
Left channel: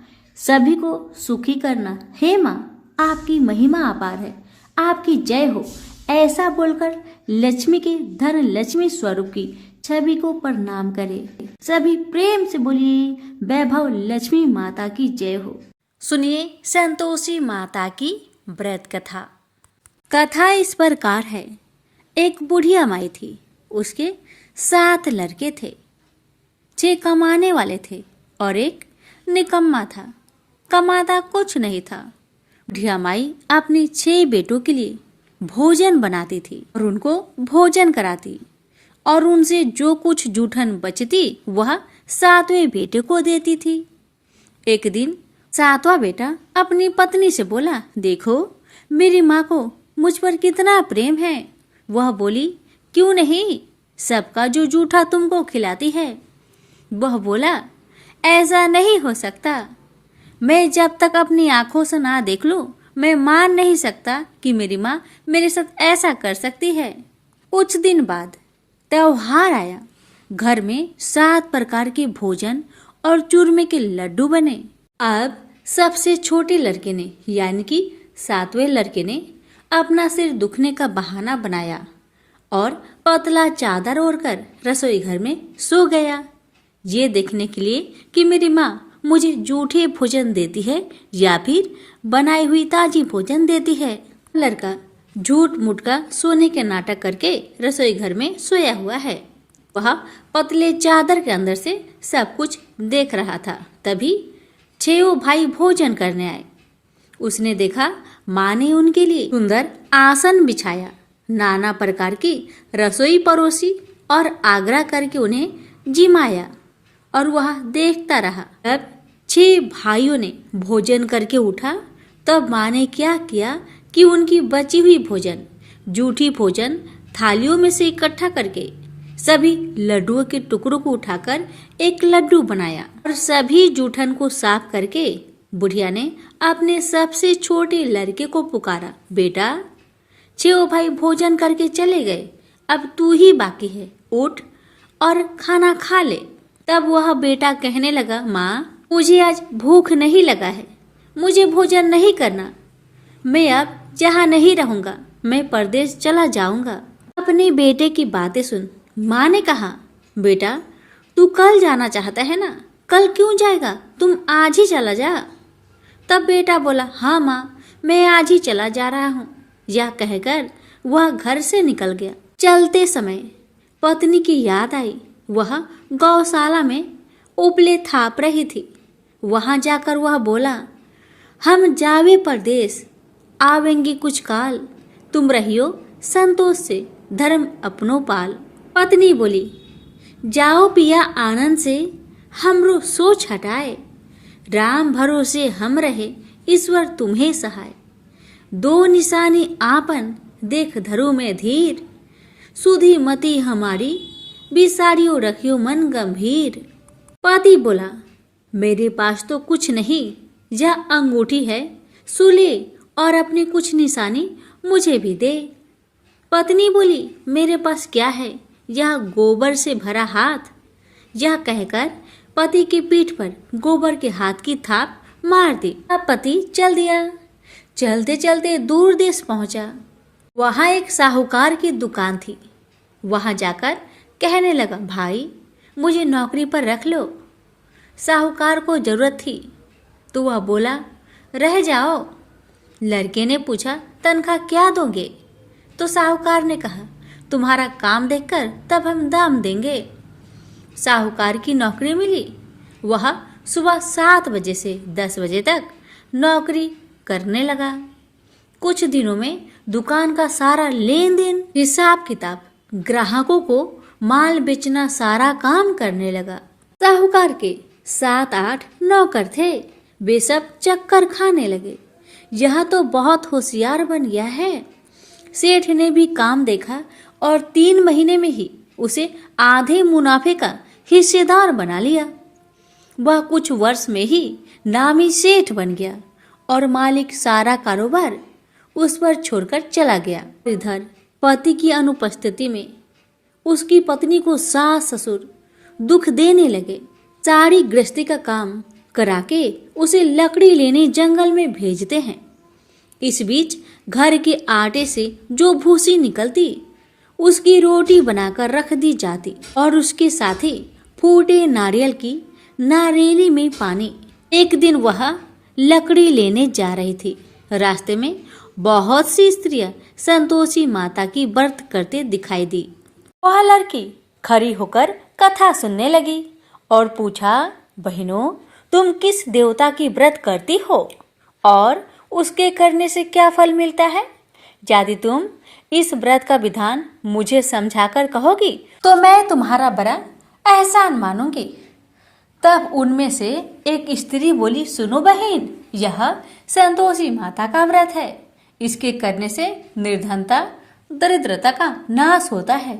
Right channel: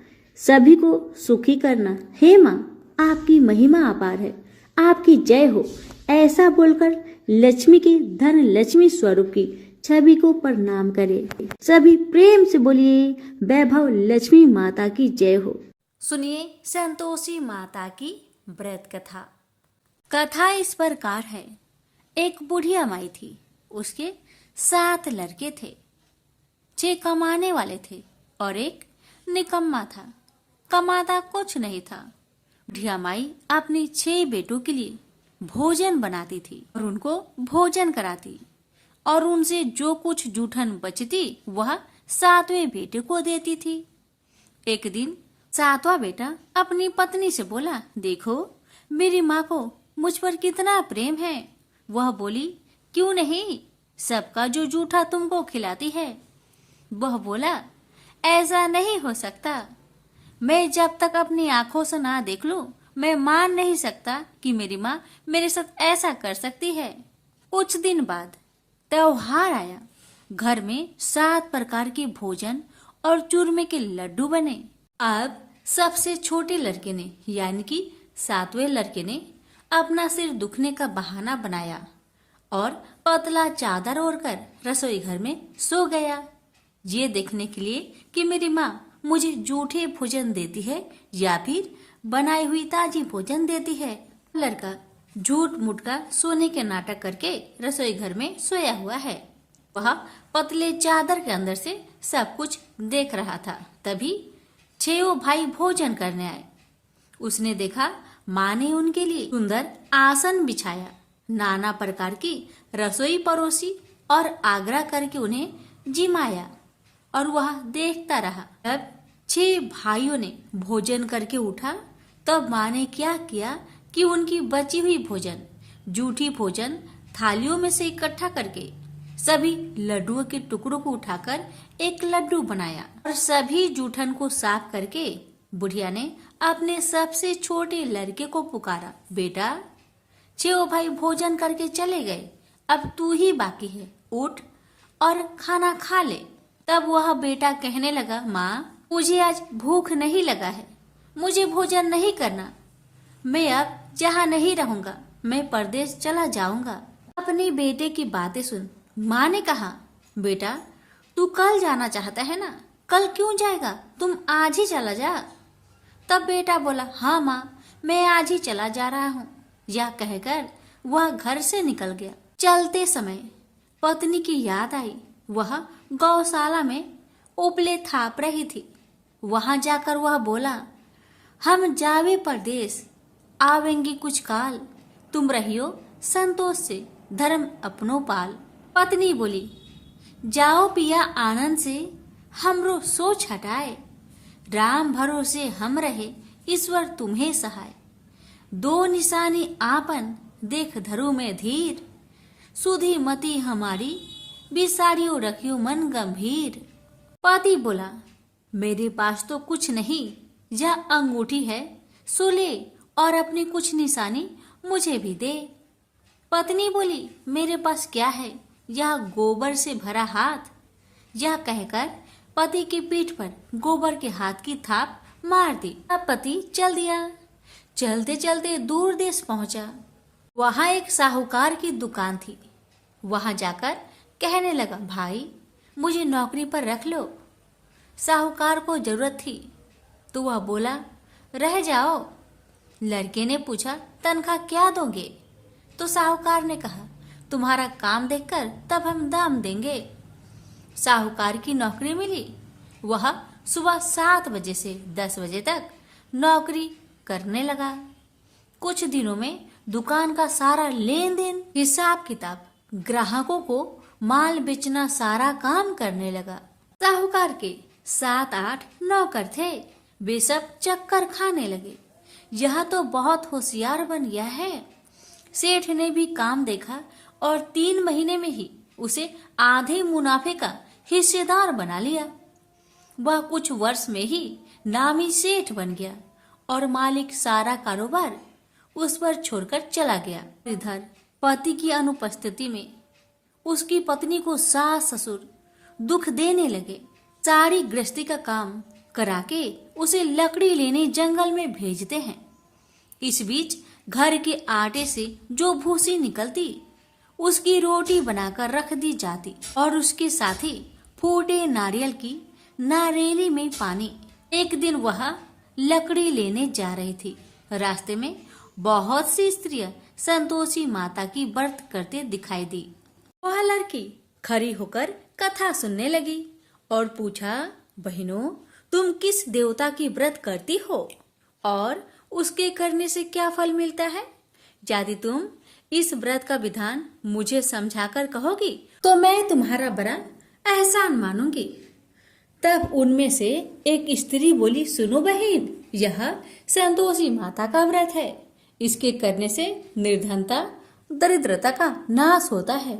सभी को सुखी करना। हे माँ आपकी महिमा अपार है, आपकी जय हो। ऐसा बोलकर लक्ष्मी के धन लक्ष्मी स्वरूप की छवि को प्रणाम करे। सभी प्रेम से बोलिए वैभव लक्ष्मी माता की जय हो। सुनिए संतोषी माता की व्रत कथा। कथा इस प्रकार है। एक बुढ़िया माई थी, उसके 7 लड़के थे। 6 कमाने वाले थे और एक निकम्मा था, कमाता कुछ नहीं था। बुढ़िया माई अपनी 6 बेटों के लिए भोजन बनाती थी और उनको भोजन कराती और उनसे जो कुछ जूठन बचती वह 7वें बेटे को देती थी। एक दिन 7वां बेटा अपनी पत्नी से बोला, देखो मेरी माँ को मुझ पर कितना प्रेम है। वह बोली, क्यों नहीं, सबका जो जूठा तुमको खिलाती है। वह बोला, ऐसा नहीं हो सकता, मैं जब तक अपनी आंखों से ना देख लूं मैं मान नहीं सकता कि मेरी माँ मेरे साथ ऐसा कर सकती है। कुछ दिन बाद त्योहार आया। घर में 7 प्रकार के भोजन और चूरमे के लड्डू बने। अब सबसे छोटे लड़के ने यानी कि 7वें लड़के ने अपना सिर दुखने का बहाना बनाया और पतला चादर ओढ़कर रसोई घर में सो गया, ये देखने के लिए कि मेरी माँ मुझे जूठे भोजन देती है या फिर बनाई हुई ताजी भोजन देती है। लड़का झूठ मूठ का सोने के नाटक करके रसोई घर में सोया हुआ है। वह पतले चादर के अंदर से सब कुछ देख रहा था। तभी 6 भाई भोजन करने आए। उसने देखा माँ ने उनके लिए सुंदर आसन बिछाया, नाना प्रकार की रसोई परोसी और आग्रह करके उन्हें जिमाया और वह देखता रहा। तब 6 भाइयों ने भोजन करके उठा। तब माँ ने क्या किया कि उनकी बची हुई भोजन, जूठी भोजन थालियों में से इकट्ठा करके सभी लड्डुओं के टुकड़ों को उठाकर एक लड्डू बनाया और सभी जूठन को साफ करके बुढ़िया ने अपने सबसे छोटे लड़के को पुकारा, बेटा 6 भाई भोजन करके चले गए, अब तू ही बाकी है, उठ और खाना खा ले। तब वह बेटा कहने लगा, माँ मुझे आज भूख नहीं लगा है, मुझे भोजन नहीं करना, मैं अब जहाँ नहीं रहूंगा, मैं परदेश चला जाऊंगा। अपने बेटे की बातें सुन माँ ने कहा, बेटा तू कल जाना चाहता है ना, कल क्यों जाएगा, तुम आज ही चला जा। तब बेटा बोला, हाँ माँ मैं आज ही चला जा रहा हूँ। यह कहकर वह घर से निकल गया। चलते समय पत्नी की याद आई, वह गौशाला में उपले थाप रही थी। वहां जाकर वह बोला, हम जावे परदेश, आवेंगे कुछ काल, तुम रहियो संतोष से, धर्म अपनो पाल। पत्नी बोली, जाओ पिया आनंद से, हमरो सोच हटाए, राम भरोसे हम रहे, ईश्वर तुम्हें सहाय। 2 निशानी आपन, देख धरो में धीर, सुधी मती हमारी, बिसारियो रखियो मन गंभीर। पति बोला, मेरे पास तो कुछ नहीं, यह अंगूठी है, सुले और अपनी कुछ निशानी मुझे भी दे। पत्नी बोली, मेरे पास क्या है, यह गोबर से भरा हाथ। यह कहकर पति की पीठ पर गोबर के हाथ की थाप मार दी। अब पति चल दिया। चलते चलते दूर देश पहुंचा। वहां एक साहूकार की दुकान थी। वहां जाकर कहने लगा, भाई मुझे नौकरी पर रख लो। साहूकार को जरूरत थी तो वह बोला, रह जाओ। लड़के ने पूछा, तनख्वाह क्या दोगे? तो साहूकार ने कहा, तुम्हारा काम देखकर तब हम दाम देंगे। साहूकार की नौकरी मिली। वह सुबह 7 बजे से 10 बजे तक नौकरी करने लगा। कुछ दिनों में दुकान का सारा लेन देन, हिसाब किताब, ग्राहकों को माल बेचना, सारा काम करने लगा। साहूकार के 7-8 नौकर थे। वे सब चक्कर खाने लगे। यह तो बहुत होशियार बन गया है। सेठ ने भी काम देखा और 3 महीने में ही उसे आधे मुनाफे का हिस्सेदार बना लिया। वह कुछ वर्ष में ही नामी सेठ बन गया और मालिक सारा कारोबार उस पर छोड़कर चला गया। इधर पति की अनुपस्थिति में उसकी पत्नी को सास ससुर दुख देने लगे। सारी गृहस्थी का काम करा के उसे लकड़ी लेने जंगल में भेजते हैं। इस बीच घर के आटे से जो भूसी निकलती उसकी रोटी बनाकर रख दी जाती और उसके साथ ही फूटे नारियल की नारेली में पानी। एक दिन वह लकड़ी लेने जा रही थी। रास्ते में बहुत सी स्त्रियां संतोषी माता की व्रत करते दिखाई दी। वह लड़की खड़ी होकर कथा सुनने लगी और पूछा, बहनों तुम किस देवता की व्रत करती हो और उसके करने से क्या फल मिलता है? यदि तुम इस व्रत का विधान मुझे समझाकर कहोगी तो मैं तुम्हारा बड़ा एहसान मानूंगी। तब उनमें से एक स्त्री बोली, सुनो बहन, यह संतोषी माता का व्रत है। इसके करने से निर्धनता, दरिद्रता का नाश होता है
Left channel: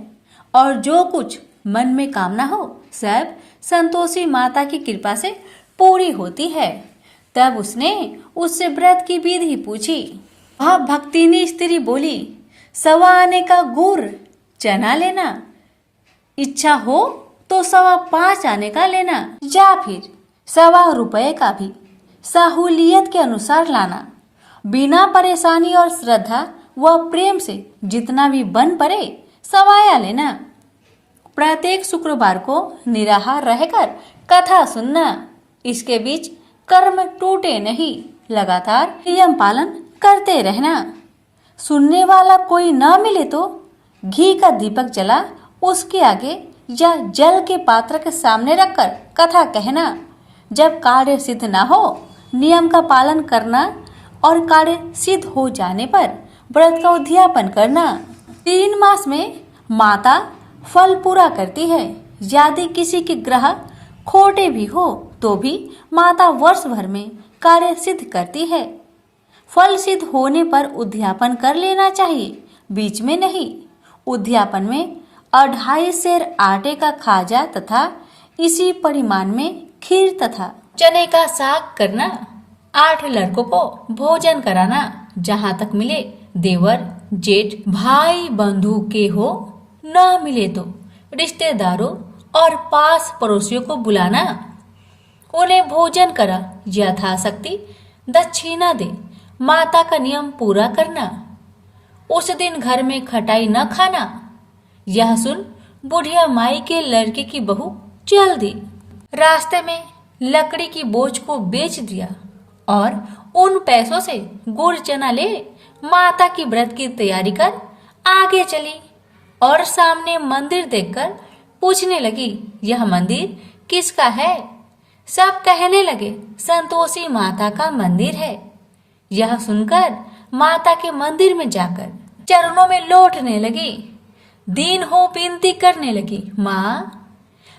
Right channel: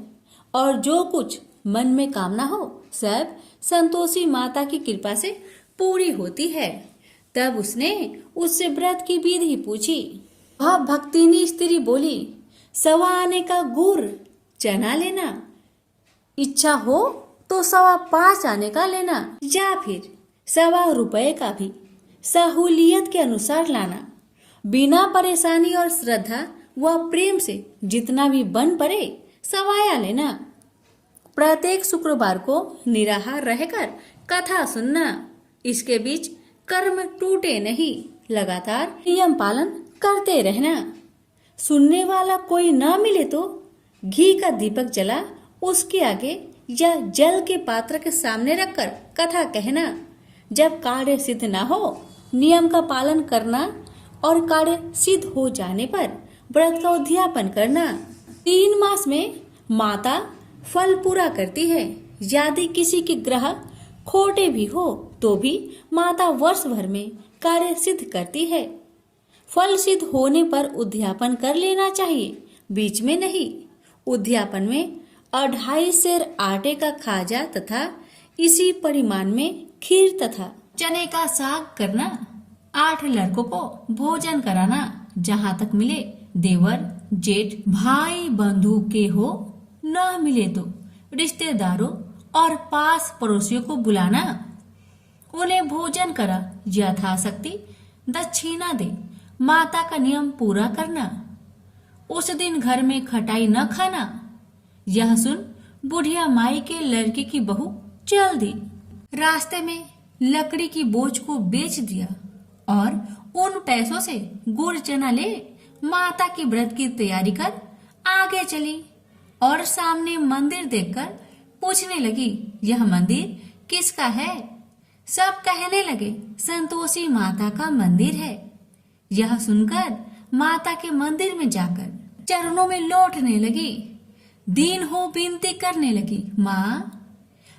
और जो कुछ मन में कामना हो सब संतोषी माता की कृपा से पूरी होती है। तब उसने उससे व्रत की विधि पूछी। वह भक्तिनी स्त्री बोली, 1.25 आने का गुड़ चना लेना, इच्छा हो तो 5.25 आने का लेना या फिर 1.25 रुपए का भी सहूलियत के अनुसार लाना। बिना परेशानी और श्रद्धा व प्रेम से जितना भी बन पड़े 1.25 लेना। प्रत्येक शुक्रवार को निराहार रहकर कथा सुनना। इसके बीच कर्म टूटे नहीं, लगातार नियम पालन करते रहना। सुनने वाला कोई ना मिले तो घी का दीपक जला उसके आगे या जल के पात्र के सामने रखकर कथा कहना। जब कार्य सिद्ध ना हो नियम का पालन करना और कार्य सिद्ध हो जाने पर व्रत का उद्यापन करना। 3 मास में माता फल पूरा करती है। यदि किसी के ग्रह खोटे भी हो तो भी माता वर्ष भर में कार्य सिद्ध करती है। फल सिद्ध होने पर उद्यापन कर लेना चाहिए, बीच में नहीं। उद्यापन में 2.5 सेर आटे का खाजा तथा इसी परिमाण में खीर तथा चने का साग करना। 8 लड़कों को भोजन कराना, जहाँ तक मिले देवर जेठ भाई बंधु के हो, न मिले तो रिश्तेदारों और पास पड़ोसियों को बुलाना। उन्हें भोजन करा, यथाशक्ति दक्षिणा दे, माता का नियम पूरा करना। उस दिन घर में खटाई न खाना। यह सुन बुढ़िया माई के लड़के की बहू चल दी। रास्ते में लकड़ी की बोझ को बेच दिया और उन पैसों से गुड़ चना ले माता की व्रत की तैयारी कर आगे चली और सामने मंदिर देखकर पूछने लगी, यह मंदिर किसका है? सब कहने लगे, संतोषी माता का मंदिर है। यह सुनकर माता के मंदिर में जाकर चरणों में लौटने लगी, दीन हो विनती करने लगी, माँ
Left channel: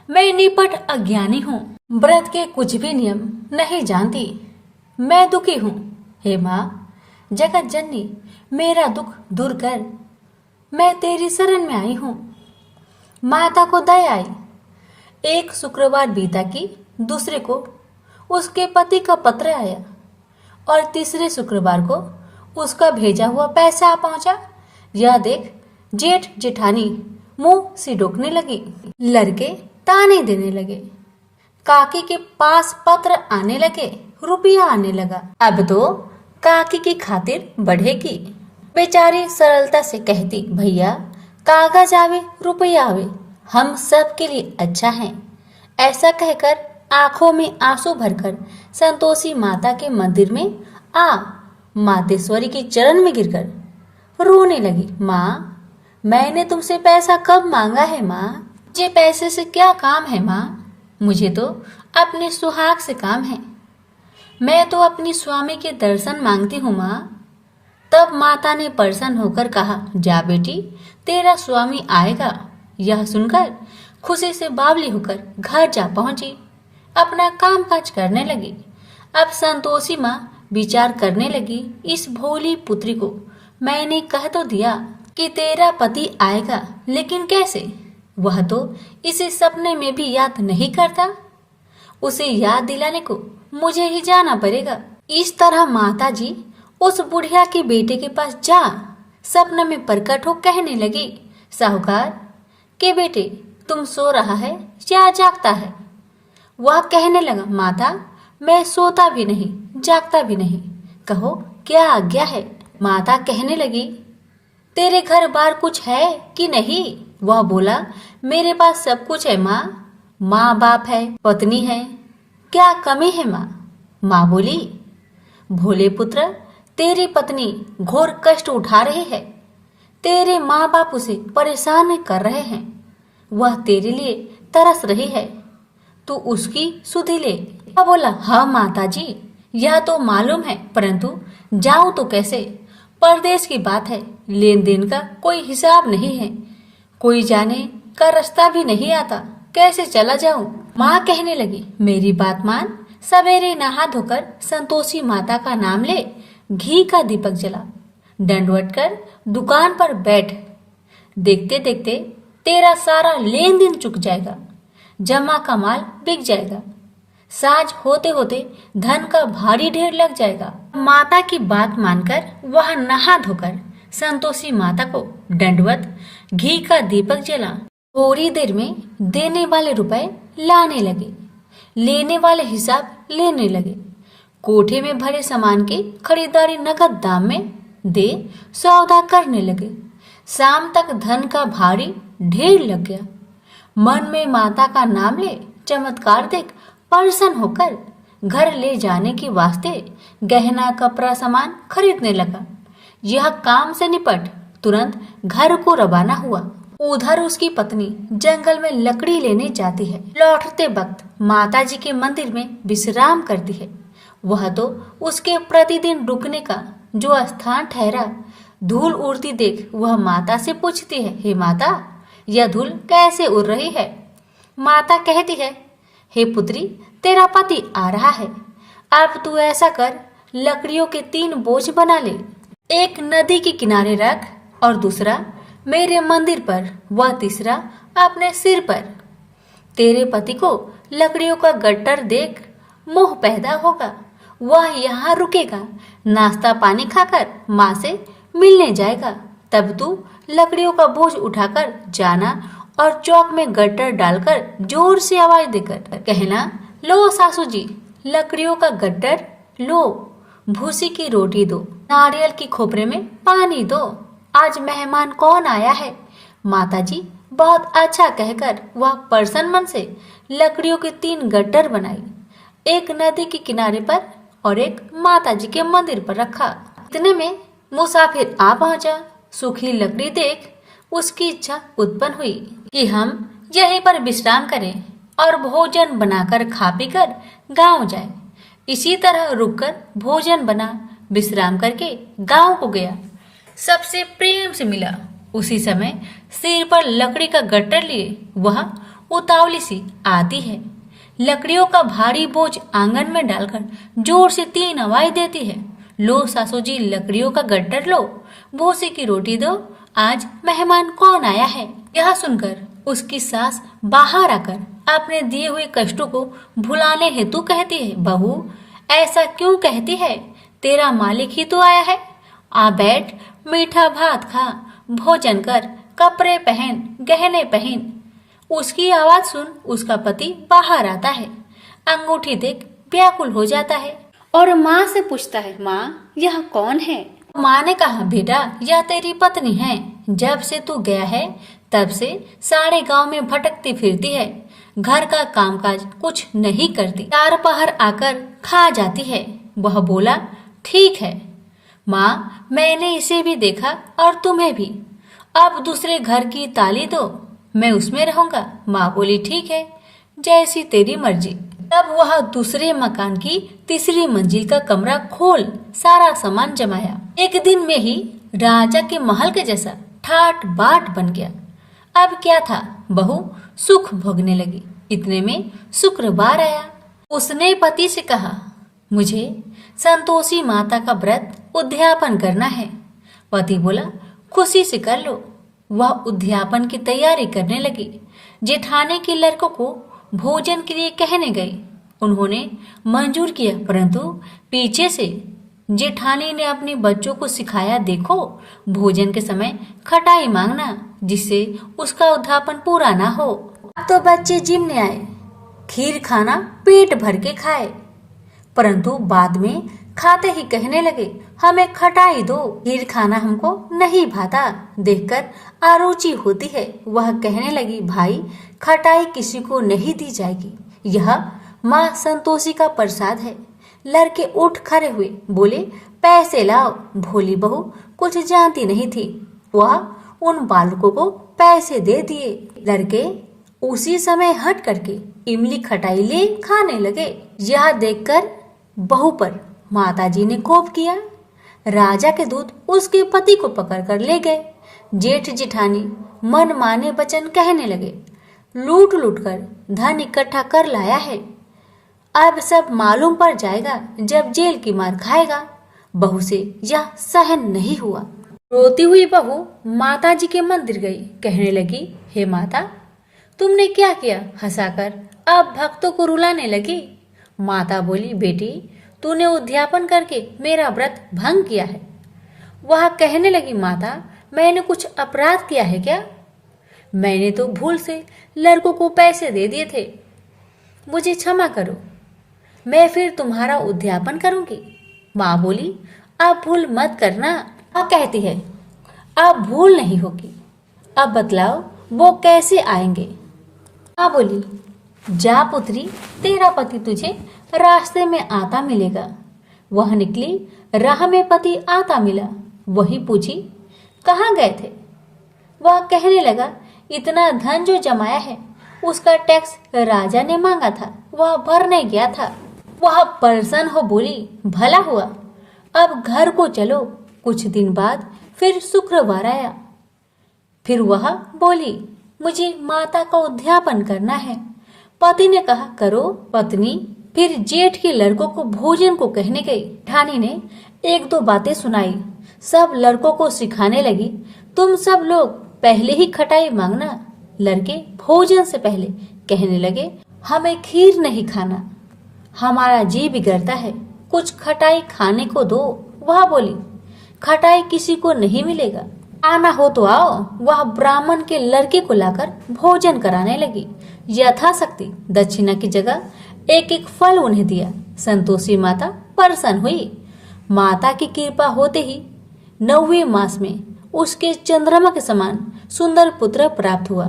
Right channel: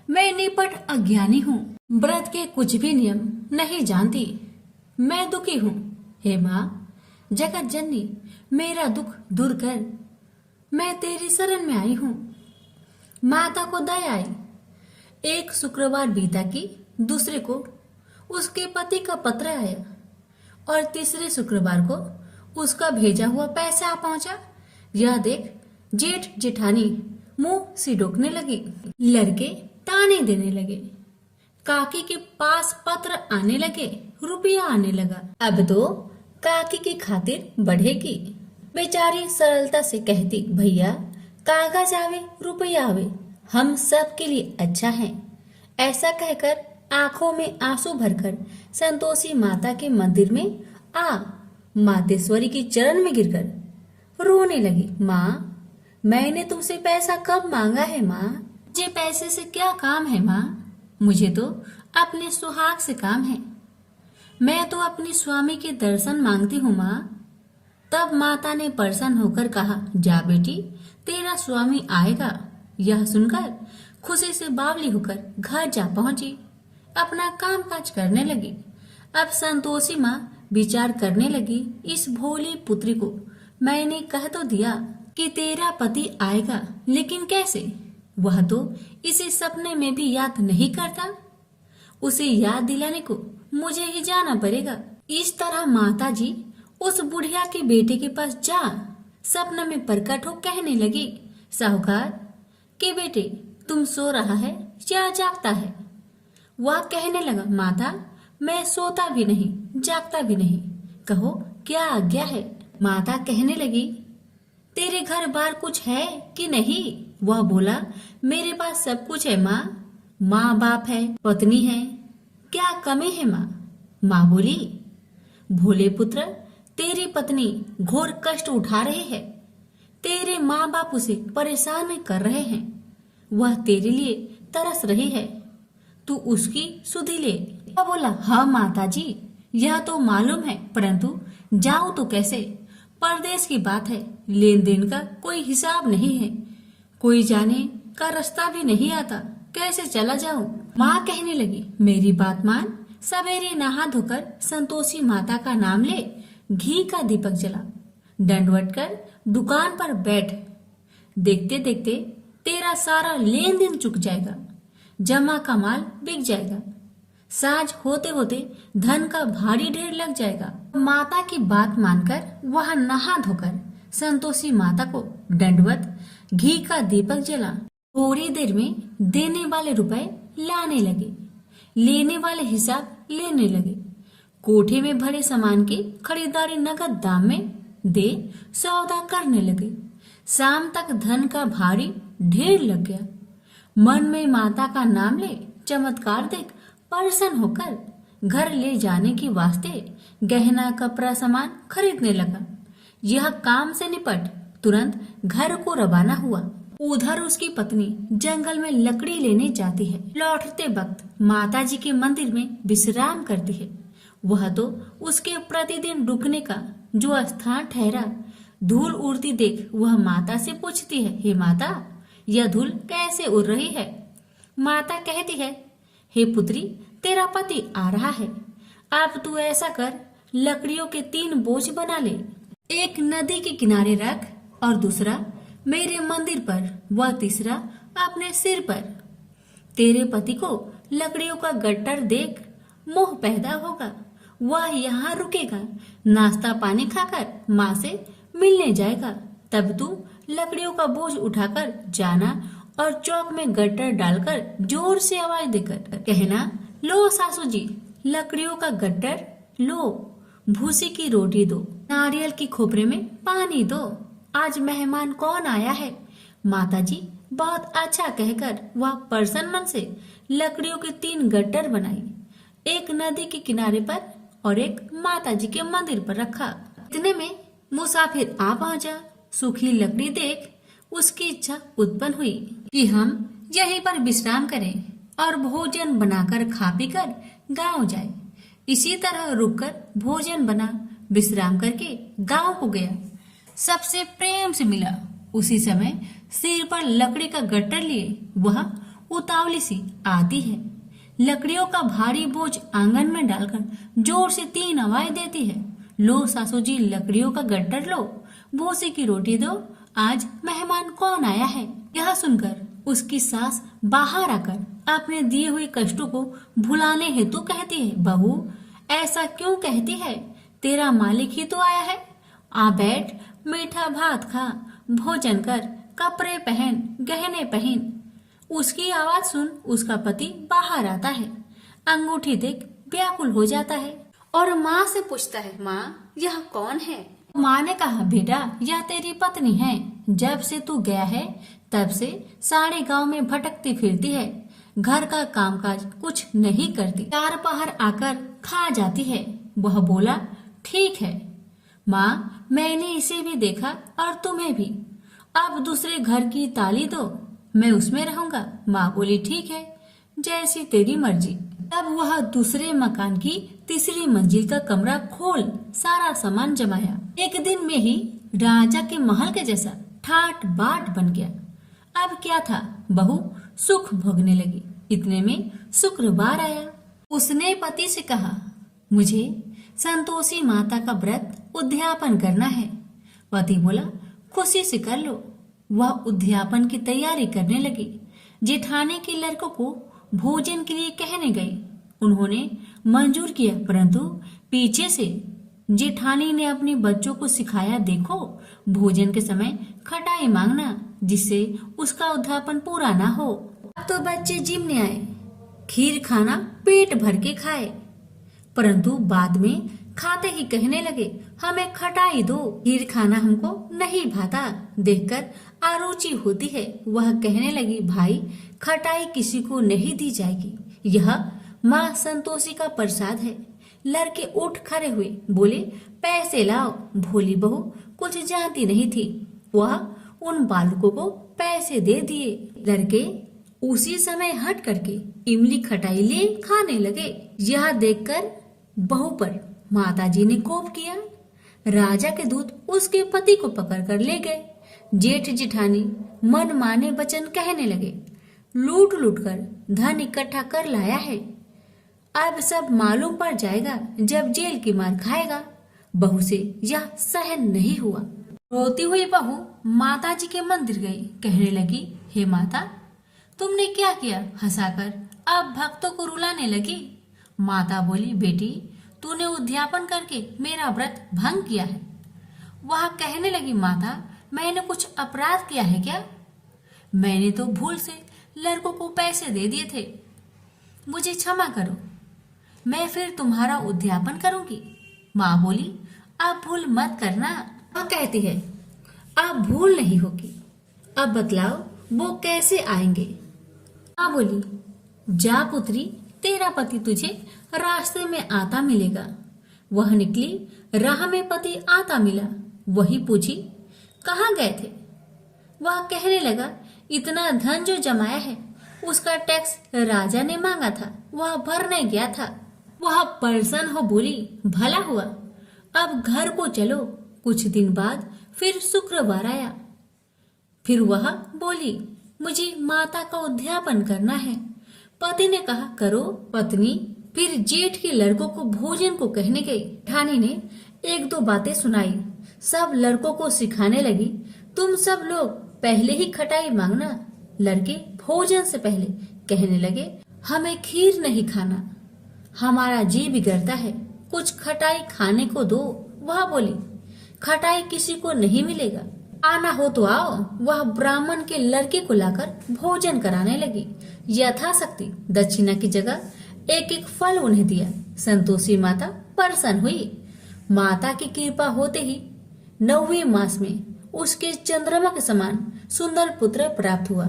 मैं निपट अज्ञानी हूँ, व्रत के कुछ भी नियम नहीं जानती, मैं दुखी हूँ। हे माँ जगत जननी मेरा दुख दूर कर, मैं तेरी शरण में आई हूँ। माता को दया आई। एक शुक्रवार बीता कि दूसरे को उसके पति का पत्र आया और तीसरे शुक्रवार को उसका भेजा हुआ पैसा आ पहुंचा। यह देख जेठ जेठानी मुंह सिडोकने लगी, लड़के ताने देने लगे, काकी के पास पत्र आने लगे, रुपया आने लगा। अब तो काकी की खातिर बढ़ेगी। बेचारी सरलता से कहती, भैया कागज आवे रुपया आवे, हम सब के लिए अच्छा है। ऐसा कहकर आंखों में आंसू भरकर संतोषी माता के मंदिर में आ मातेश्वरी के चरण में गिरकर रोने लगी, माँ मैंने तुमसे पैसा कब मांगा है माँ? मुझे पैसे से क्या काम है माँ? मुझे तो अपने सुहाग से काम है। मैं तो अपनी स्वामी के दर्शन मांगती हूँ माँ। तब माता ने प्रसन्न होकर कहा, जा बेटी तेरा स्वामी आएगा। यह सुनकर खुशी से बावली होकर घर जा पहुंची, अपना काम काज करने लगी। अब संतोषी माँ विचार करने लगी, इस भोली पुत्री को मैंने कह तो दिया कि तेरा पति आएगा, लेकिन कैसे? वह तो इसे सपने में भी याद नहीं करता। उसे याद दिलाने को मुझे ही जाना पड़ेगा। इस तरह माता जी उस बुढ़िया के बेटे के पास जा सपना में प्रकट हो कहने लगी, साहूकार के बेटे तुम सो रहा है या जागता है? वह कहने लगा, माता मैं सोता भी नहीं जागता भी नहीं, कहो क्या आज्ञा है? माता कहने लगी, तेरे घर बार कुछ है कि नहीं? वह बोला, मेरे पास सब कुछ है माँ, माँ बाप है, पत्नी है, क्या कमी है माँ? माँ बोली, भोले पुत्र तेरी पत्नी घोर कष्ट उठा रही है, तेरे माँ बाप उसे परेशान कर रहे हैं, वह तेरे लिए तरस रही है, तू उसकी सुधि ले। वह बोला, हाँ माता जी यह तो मालूम है, परंतु जाऊं तो कैसे? परदेश की बात है, लेन देन का कोई हिसाब नहीं है, कोई जाने का रास्ता भी नहीं आता, कैसे चला जाऊं? माँ कहने लगी, मेरी बात मान, सवेरे नहा धोकर संतोषी माता का नाम ले, घी का दीपक जला, दंडवत कर दुकान पर बैठ, देखते देखते तेरा सारा लेन देन चुक जाएगा, जमा का माल बिक जाएगा, साज होते होते धन का भारी ढेर लग जाएगा। माता की बात मानकर वह नहा धोकर संतोषी माता को दंडवत घी का दीपक जला। थोड़ी देर में देने वाले रुपए लाने लगे, लेने वाले हिसाब लेने लगे, कोठे में भरे सामान की खरीदारी नगद दाम में दे सौदा करने लगे। शाम तक धन का भारी ढेर लग गया। मन में माता का नाम ले चमत्कार देख प्रसन्न होकर घर ले जाने के वास्ते गहना कपड़ा सामान खरीदने लगा। यह काम से निपट तुरंत घर को रवाना हुआ। उधर उसकी पत्नी जंगल में लकड़ी लेने जाती है। लौटते वक्त माता जी के मंदिर में विश्राम करती है। वह तो उसके प्रतिदिन रुकने का जो स्थान ठहरा। धूल उड़ती देख वह माता से पूछती है, हे माता यह धूल कैसे उड़ रही है? माता कहती है, हे पुत्री तेरा पति आ रहा है, अब तू ऐसा कर लकड़ियों के 3 बोझ बना ले, एक नदी के किनारे रख और दूसरा मेरे मंदिर पर, वह तीसरा अपने सिर पर। तेरे पति को लकड़ियों का गट्टर देख मोह पैदा होगा, वह यहाँ रुकेगा, नाश्ता पानी खाकर माँ से मिलने जाएगा। तब तू लकड़ियों का बोझ उठाकर जाना और चौक में गट्टर डालकर जोर से आवाज देकर कहना, लो सासू जी, लकड़ियों का गट्टर लो, भूसी की रोटी दो, नारियल की खोपरे में पानी दो, आज मेहमान कौन आया है। माताजी बहुत अच्छा कहकर वह प्रसन्न मन से लकड़ियों के 3 गट्टर बनाई, एक नदी के किनारे पर और एक माताजी के मंदिर पर रखा। इतने में मुसाफिर आ पहुंचा। सूखी लकड़ी देख उसकी इच्छा उत्पन्न हुई कि हम यहीं पर विश्राम करें और भोजन बनाकर खा पीकर गांव जाएं। इसी तरह रुककर भोजन बना, विश्राम करके गांव को गया, सबसे प्रेम से मिला। उसी समय सिर पर लकड़ी का गट्टर लिए वह उतावली सी आती है, लकड़ियों का भारी बोझ आंगन में डालकर जोर से 3 आवाज देती है, लो सासू जी, लकड़ियों का गट्टर लो, भूसी की रोटी दो, आज मेहमान कौन आया है। यह सुनकर उसकी सास बाहर आकर अपने दिए हुए कष्टों को भुलाने हेतु कहती है, बहू ऐसा क्यों कहती है, तेरा मालिक ही तो आया है, आ बैठ, मीठा भात खा, भोजन कर, कपड़े पहन, गहने पहन। उसकी आवाज सुन उसका पति बाहर आता है, अंगूठी देख व्याकुल हो जाता है और माँ से पूछता है, माँ यह कौन है। माँ ने कहा, बेटा यह तेरी पत्नी है, जब से तू गया है तब से सारे गांव में भटकती फिरती है, घर का कामकाज कुछ नहीं करती, 4 पहर आकर खा जाती है। वह बोला, ठीक है माँ, मैंने इसे भी देखा और तुम्हें भी, अब दूसरे घर की ताली दो, मैं उसमें रहूंगा। माँ बोली, ठीक है, जैसी तेरी मर्जी। तब वह दूसरे मकान की तीसरी मंजिल का कमरा खोल सारा सामान जमाया। एक दिन में ही राजा के महल के जैसा ठाट बाट बन गया। अब क्या था, बहू सुख भोगने लगी। इतने में शुक्रवार आया। उसने पति से कहा, मुझे संतोषी माता का व्रत उद्यापन करना है। पति बोला, खुशी से कर लो। वह उद्यापन की तैयारी करने लगी। जेठानी के लड़कों को भोजन के लिए कहने गई। उन्होंने मंजूर किया, परंतु पीछे से जेठानी ने अपने बच्चों को सिखाया, देखो भोजन के समय खटाई मांगना, जिससे उसका उद्यापन पूरा ना हो। अब तो बच्चे जिमने आए, खीर खाना पेट भर के खाए, परंतु बाद में खाते ही कहने लगे, हमें खटाई दो, खीर खाना हमको नहीं भाता, देखकर आरुचि होती है। वह कहने लगी, भाई खटाई किसी को नहीं दी जाएगी, यह माँ संतोषी का प्रसाद है। लड़के उठ खड़े हुए, बोले, पैसे लाओ। भोली बहू कुछ जानती नहीं थी, वह उन बालकों को पैसे दे दिए। लड़के उसी समय हट करके इमली खटाई ले खाने लगे। यह देखकर बहू पर माताजी ने कोप किया। राजा के दूत उसके पति को पकड़कर ले गए। जेठ जेठानी मन माने वचन कहने लगे, लूट लूट कर धन इकट्ठा कर लाया है, अब सब मालूम पड़ जाएगा जब जेल की मार खाएगा। बहू से यह सहन नहीं हुआ। रोती हुई बहू माताजी के मंदिर गई, कहने लगी, हे माता, तुमने क्या किया, हंसाकर अब भक्तों को रुलाने लगी। माता बोली, बेटी तूने उद्यापन करके मेरा व्रत भंग किया है। वह कहने लगी, माता मैंने कुछ अपराध किया है क्या? मैंने तो भूल से लड़कों को पैसे दे दिए थे, मुझे क्षमा करो, मैं फिर तुम्हारा उद्यापन करूंगी। माँ बोली, अब भूल मत करना। माँ कहती है, अब भूल नहीं होगी, अब बतलाओ वो कैसे आएंगे। माँ बोली, जा पुत्री, तेरा पति तुझे रास्ते में आता मिलेगा। वह निकली, राह में पति आता मिला। वही पूछी, कहाँ गए थे? वह कहने लगा, इतना धन जो जमाया है उसका टैक्स राजा ने मांगा था, वह भरने गया था। वह प्रसन्न हो बोली, भला हुआ, अब घर को चलो। कुछ दिन बाद फिर शुक्रवार आया। फिर वह बोली, मुझे माता का उद्यापन करना है। पति ने कहा, करो। पत्नी फिर जेठ के लड़कों को भोजन को कहने गई। ठानी ने 1-2 बातें सुनाई, सब लड़कों को सिखाने लगी, तुम सब लोग पहले ही खटाई मांगना। लड़के भोजन से पहले कहने लगे, हमें खीर नहीं खाना, हमारा जी बिगड़ता है, कुछ खटाई खाने को दो। वह बोली, खटाई किसी को नहीं मिलेगा, आना हो तो आओ। वह ब्राह्मण के लड़के को लाकर भोजन कराने लगी। यथाशक्ति दक्षिणा की जगह एक एक फल उन्हें दिया। संतोषी माता प्रसन्न हुई। माता की कृपा होते ही 9वें मास में उसके चंद्रमा के समान सुंदर पुत्र प्राप्त हुआ।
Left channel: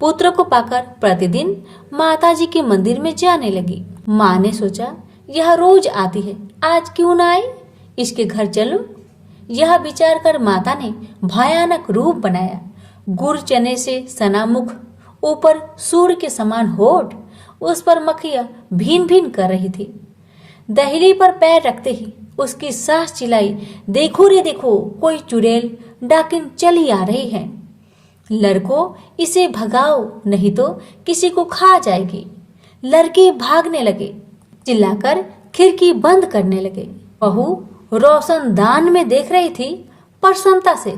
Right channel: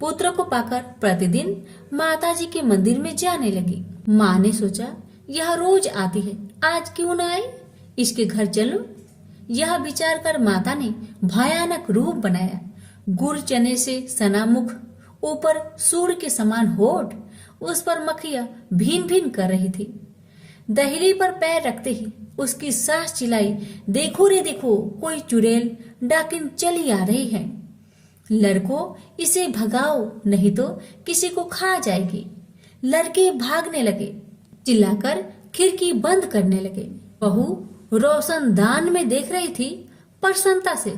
पुत्र को पाकर प्रतिदिन माता जी के मंदिर में जाने लगी। माँ ने सोचा, यह रोज आती है, आज क्यों न आई, इसके घर चलो। यह विचार कर माता ने भयानक रूप बनाया। गुड़ चने से सना मुख, ऊपर सूर्य के समान होठ, उस पर मक्खियां भीन भीन कर रही थी। दहली पर पैर रखते ही उसकी सास चिल्लाई, देखो रे देखो, कोई चुड़ैल डाकिन चली आ रही है, लड़कों इसे भगाओ नहीं तो किसी को खा जाएगी। लड़के भागने लगे, चिल्लाकर खिड़की बंद करने लगे। बहू रोशनदान में देख रही थी। प्रसन्नता से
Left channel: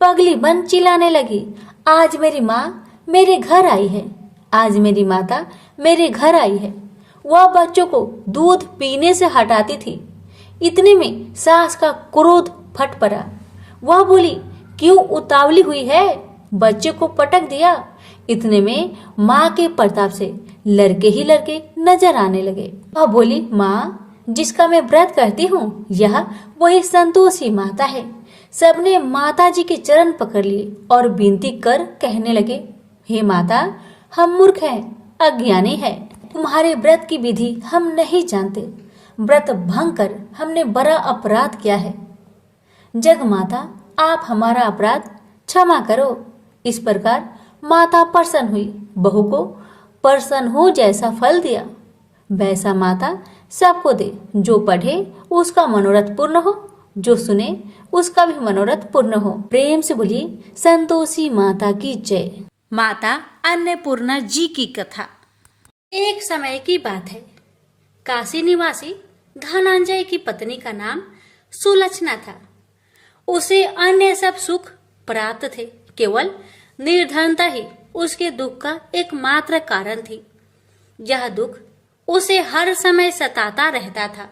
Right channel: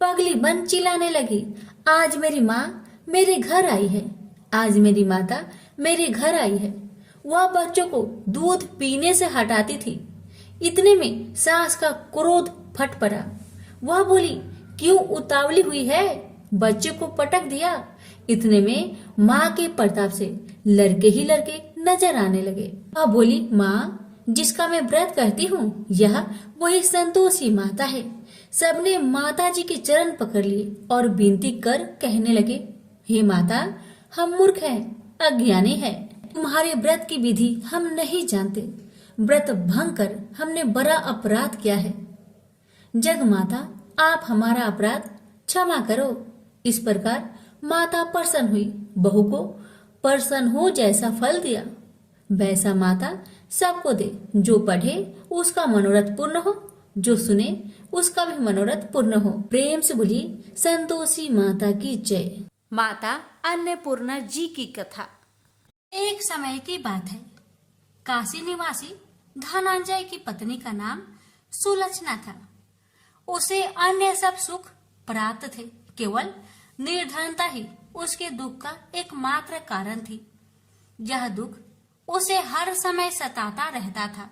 पगली बन चिल्लाने लगी, आज मेरी माँ मेरे घर आई है, आज मेरी माता मेरे घर आई है। वह बच्चों को दूध पीने से हटाती थी। इतने में सास का क्रोध फट पड़ा। वह बोली, क्यों उतावली हुई है, बच्चे को पटक दिया। इतने में माँ के प्रताप से लड़के ही लड़के नजर आने लगे। वह बोली, माँ जिसका मैं व्रत करती हूँ, यह वही संतोषी माता है। सबने माता जी के चरण पकड़ लिए और विनती कर कहने लगे, हे माता, हम मूर्ख हैं, अज्ञानी हैं, तुम्हारे व्रत की विधि हम नहीं जानते, व्रत भंग कर हमने बड़ा अपराध किया है। जग माता, आप हमारा अपराध क्षमा करो। इस प्रकार माता प्रसन्न हुई। बहू को प्रसन्न हो जैसा फल दिया, वैसा माता सबको दे। जो पढ़े उसका मनोरथ पूर्ण हो, जो सुने उसका भी मनोरथ पूर्ण हो। प्रेम से बोली संतोषी माता की जय। माता अन्नपूर्णा जी की कथा। एक समय की बात है। काशी निवासी धनंजय की पत्नी का नाम सुलक्षणा था। उसे अन्य सब सुख प्राप्त थे, केवल निर्धनता ही उसके दुख का एकमात्र कारण थी। यह दुख उसे हर समय सताता रहता था।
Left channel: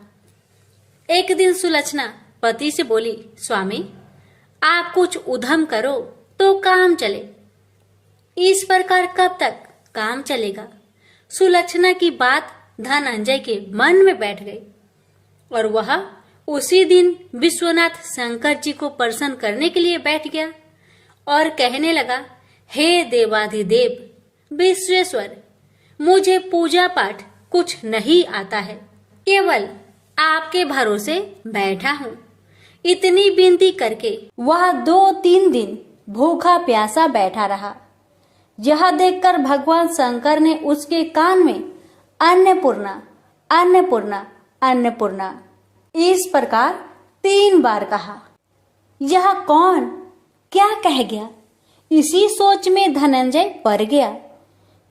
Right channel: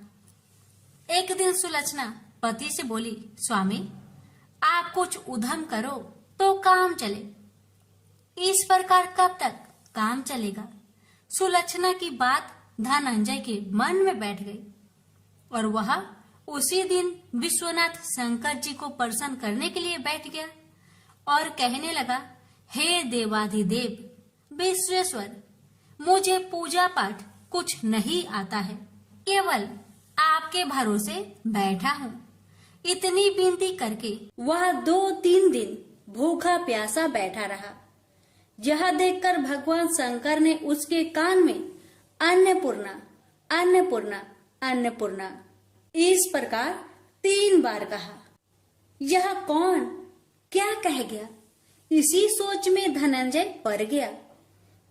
एक दिन सुलक्षणा पति से बोली, स्वामी आप कुछ उद्यम करो तो काम चले। इस प्रकार कब तक काम चलेगा? सुलक्षणा की बात धनंजय के मन में बैठ गई और वह उसी दिन विश्वनाथ शंकर जी को प्रसन्न करने के लिए बैठ गया और कहने लगा, हे देवाधिदेव विश्वेश्वर, मुझे पूजा पाठ कुछ नहीं आता है, केवल आपके भरोसे बैठा हूँ। इतनी विनती करके वह 2-3 दिन भूखा प्यासा बैठा रहा। यह देखकर भगवान शंकर ने उसके कान में अन्नपूर्णा अन्नपूर्णा अन्नपूर्णा इस प्रकार 3 बार कहा। यह कौन क्या कह गया? इसी सोच में धनंजय पड़ गया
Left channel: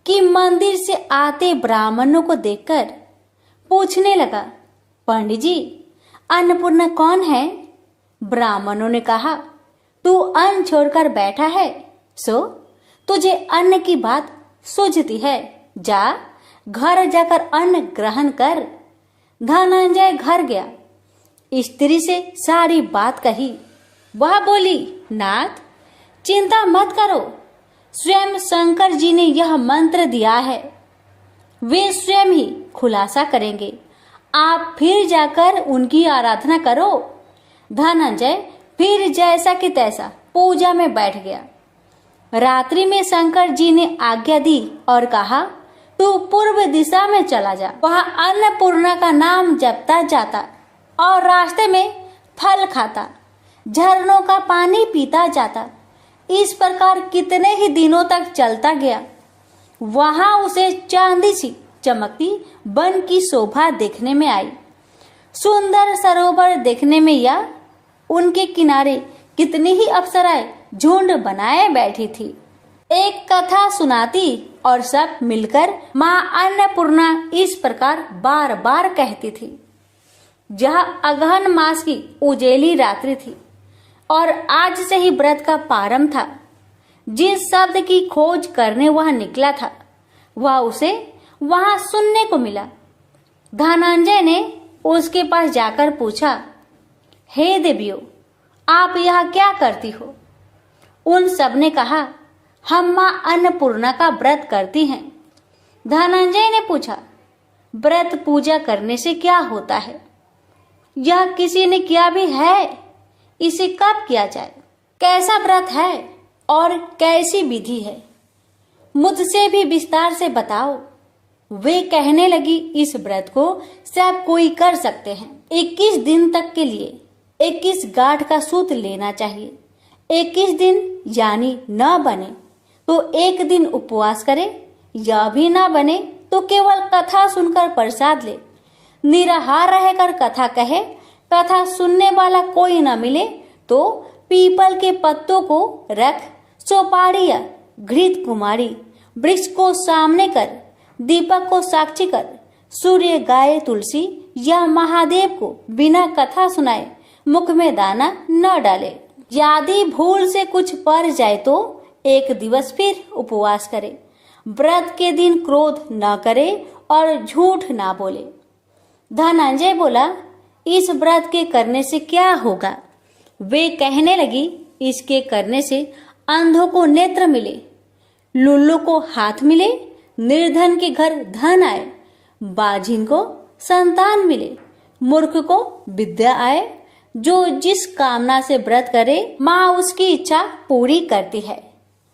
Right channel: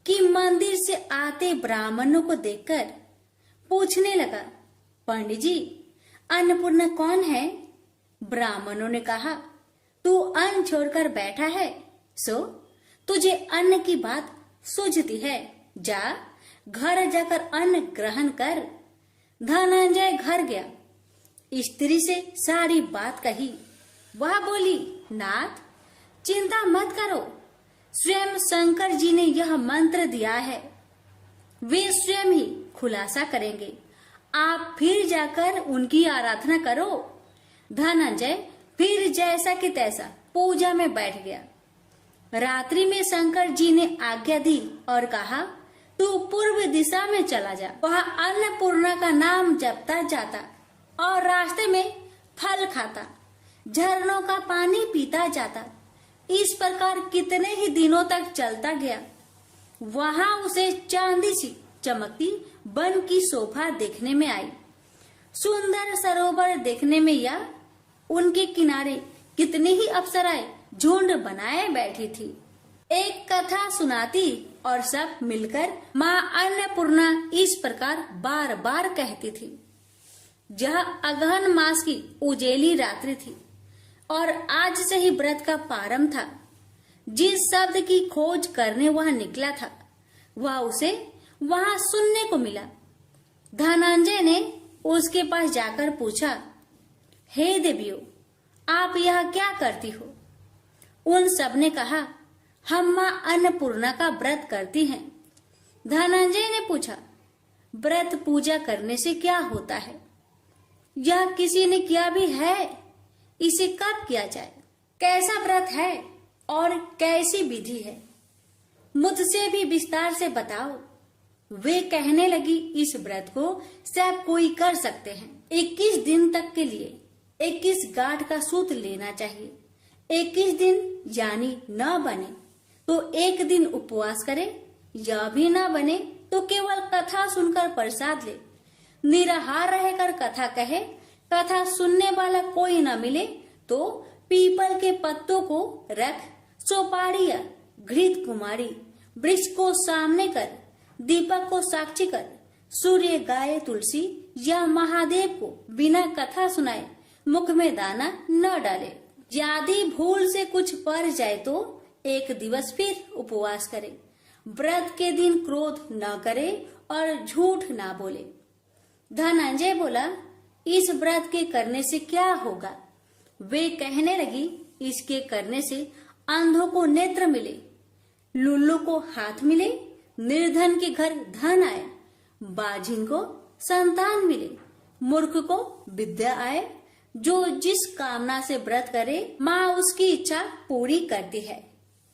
कि मंदिर से आते ब्राह्मणों को देखकर पूछने लगा, पंडित जी अन्नपूर्णा कौन है? ब्राह्मणों ने कहा, तू अन्न छोड़कर बैठा है, सो तुझे अन्न की बात सूझती है, जा घर जाकर अन्न ग्रहण कर। धनंजय घर गया, स्त्री से सारी बात कही। वह बोली, नाथ चिंता मत करो, स्वयं शंकर जी ने यह मंत्र दिया है, वे स्वयं ही खुलासा करेंगे, आप फिर जाकर उनकी आराधना करो। धनंजय फिर जैसा कि तैसा पूजा में बैठ गया। रात्रि में शंकर जी ने आज्ञा दी और कहा, तू पूर्व दिशा में चला जा। वह अन्नपूर्णा का नाम जपता जाता और रास्ते में फल खाता, झरनों का पानी पीता जाता। इस प्रकार कितने ही दिनों तक चलता गया। वहां उसे चांदी सी चमकती वन की शोभा देखने में आई। सुंदर सरोवर देखने में या उनके किनारे कितनी ही अप्सराएं झुंड बनाए बैठी थी। एक कथा सुनाती और सब मिलकर माँ अन्नपूर्णा इस प्रकार बार बार कहती थी। यह अगहन मास की उजेली रात्रि थी और आज से ही व्रत का प्रारंभ था। जिस शब्द की खोज करने वह निकला था वह उसे वहां सुनने को मिला। धनंजय ने उसके पास जाकर पूछा, हे देवियों, आप यहाँ क्या करती हो? उन सब ने कहा, हम माँ अन्नपूर्णा का व्रत करती हैं। धनंजय ने पूछा, व्रत पूजा करने से क्या होता है? यह किसी ने किया भी है? इसे कब किया जाए? कैसा व्रत है और कैसी विधि है? मुझसे भी विस्तार से बताओ। वे कहने लगी, इस व्रत को सब कोई कर सकते हैं। 21 दिन तक के लिए 21 गांठ का सूत लेना चाहिए। 21 दिन यानी न बने तो एक दिन उपवास करे, या भी ना बने तो केवल कथा सुनकर प्रसाद ले। निराहार रहकर कथा कहे, कथा सुनने वाला कोई न मिले तो पीपल के पत्तों को रख, चौपाड़ी या घृत कुमारी वृक्ष को सामने कर, दीपक को साक्षी कर, सूर्य, गाय, तुलसी या महादेव को बिना कथा सुनाए मुख में दाना न डाले। यदि भूल से कुछ पड़ जाए तो एक दिवस फिर उपवास करे। व्रत के दिन क्रोध न करे और झूठ ना बोले। धनंजय बोला, इस व्रत के करने से क्या होगा? वे कहने लगी, इसके करने से अंधों को नेत्र मिले, लुल्लू को हाथ मिले, निर्धन के घर धन आए, बाझिन को संतान मिले, मूर्ख को विद्या आए। जो जिस कामना से व्रत करे माँ उसकी इच्छा पूरी करती है।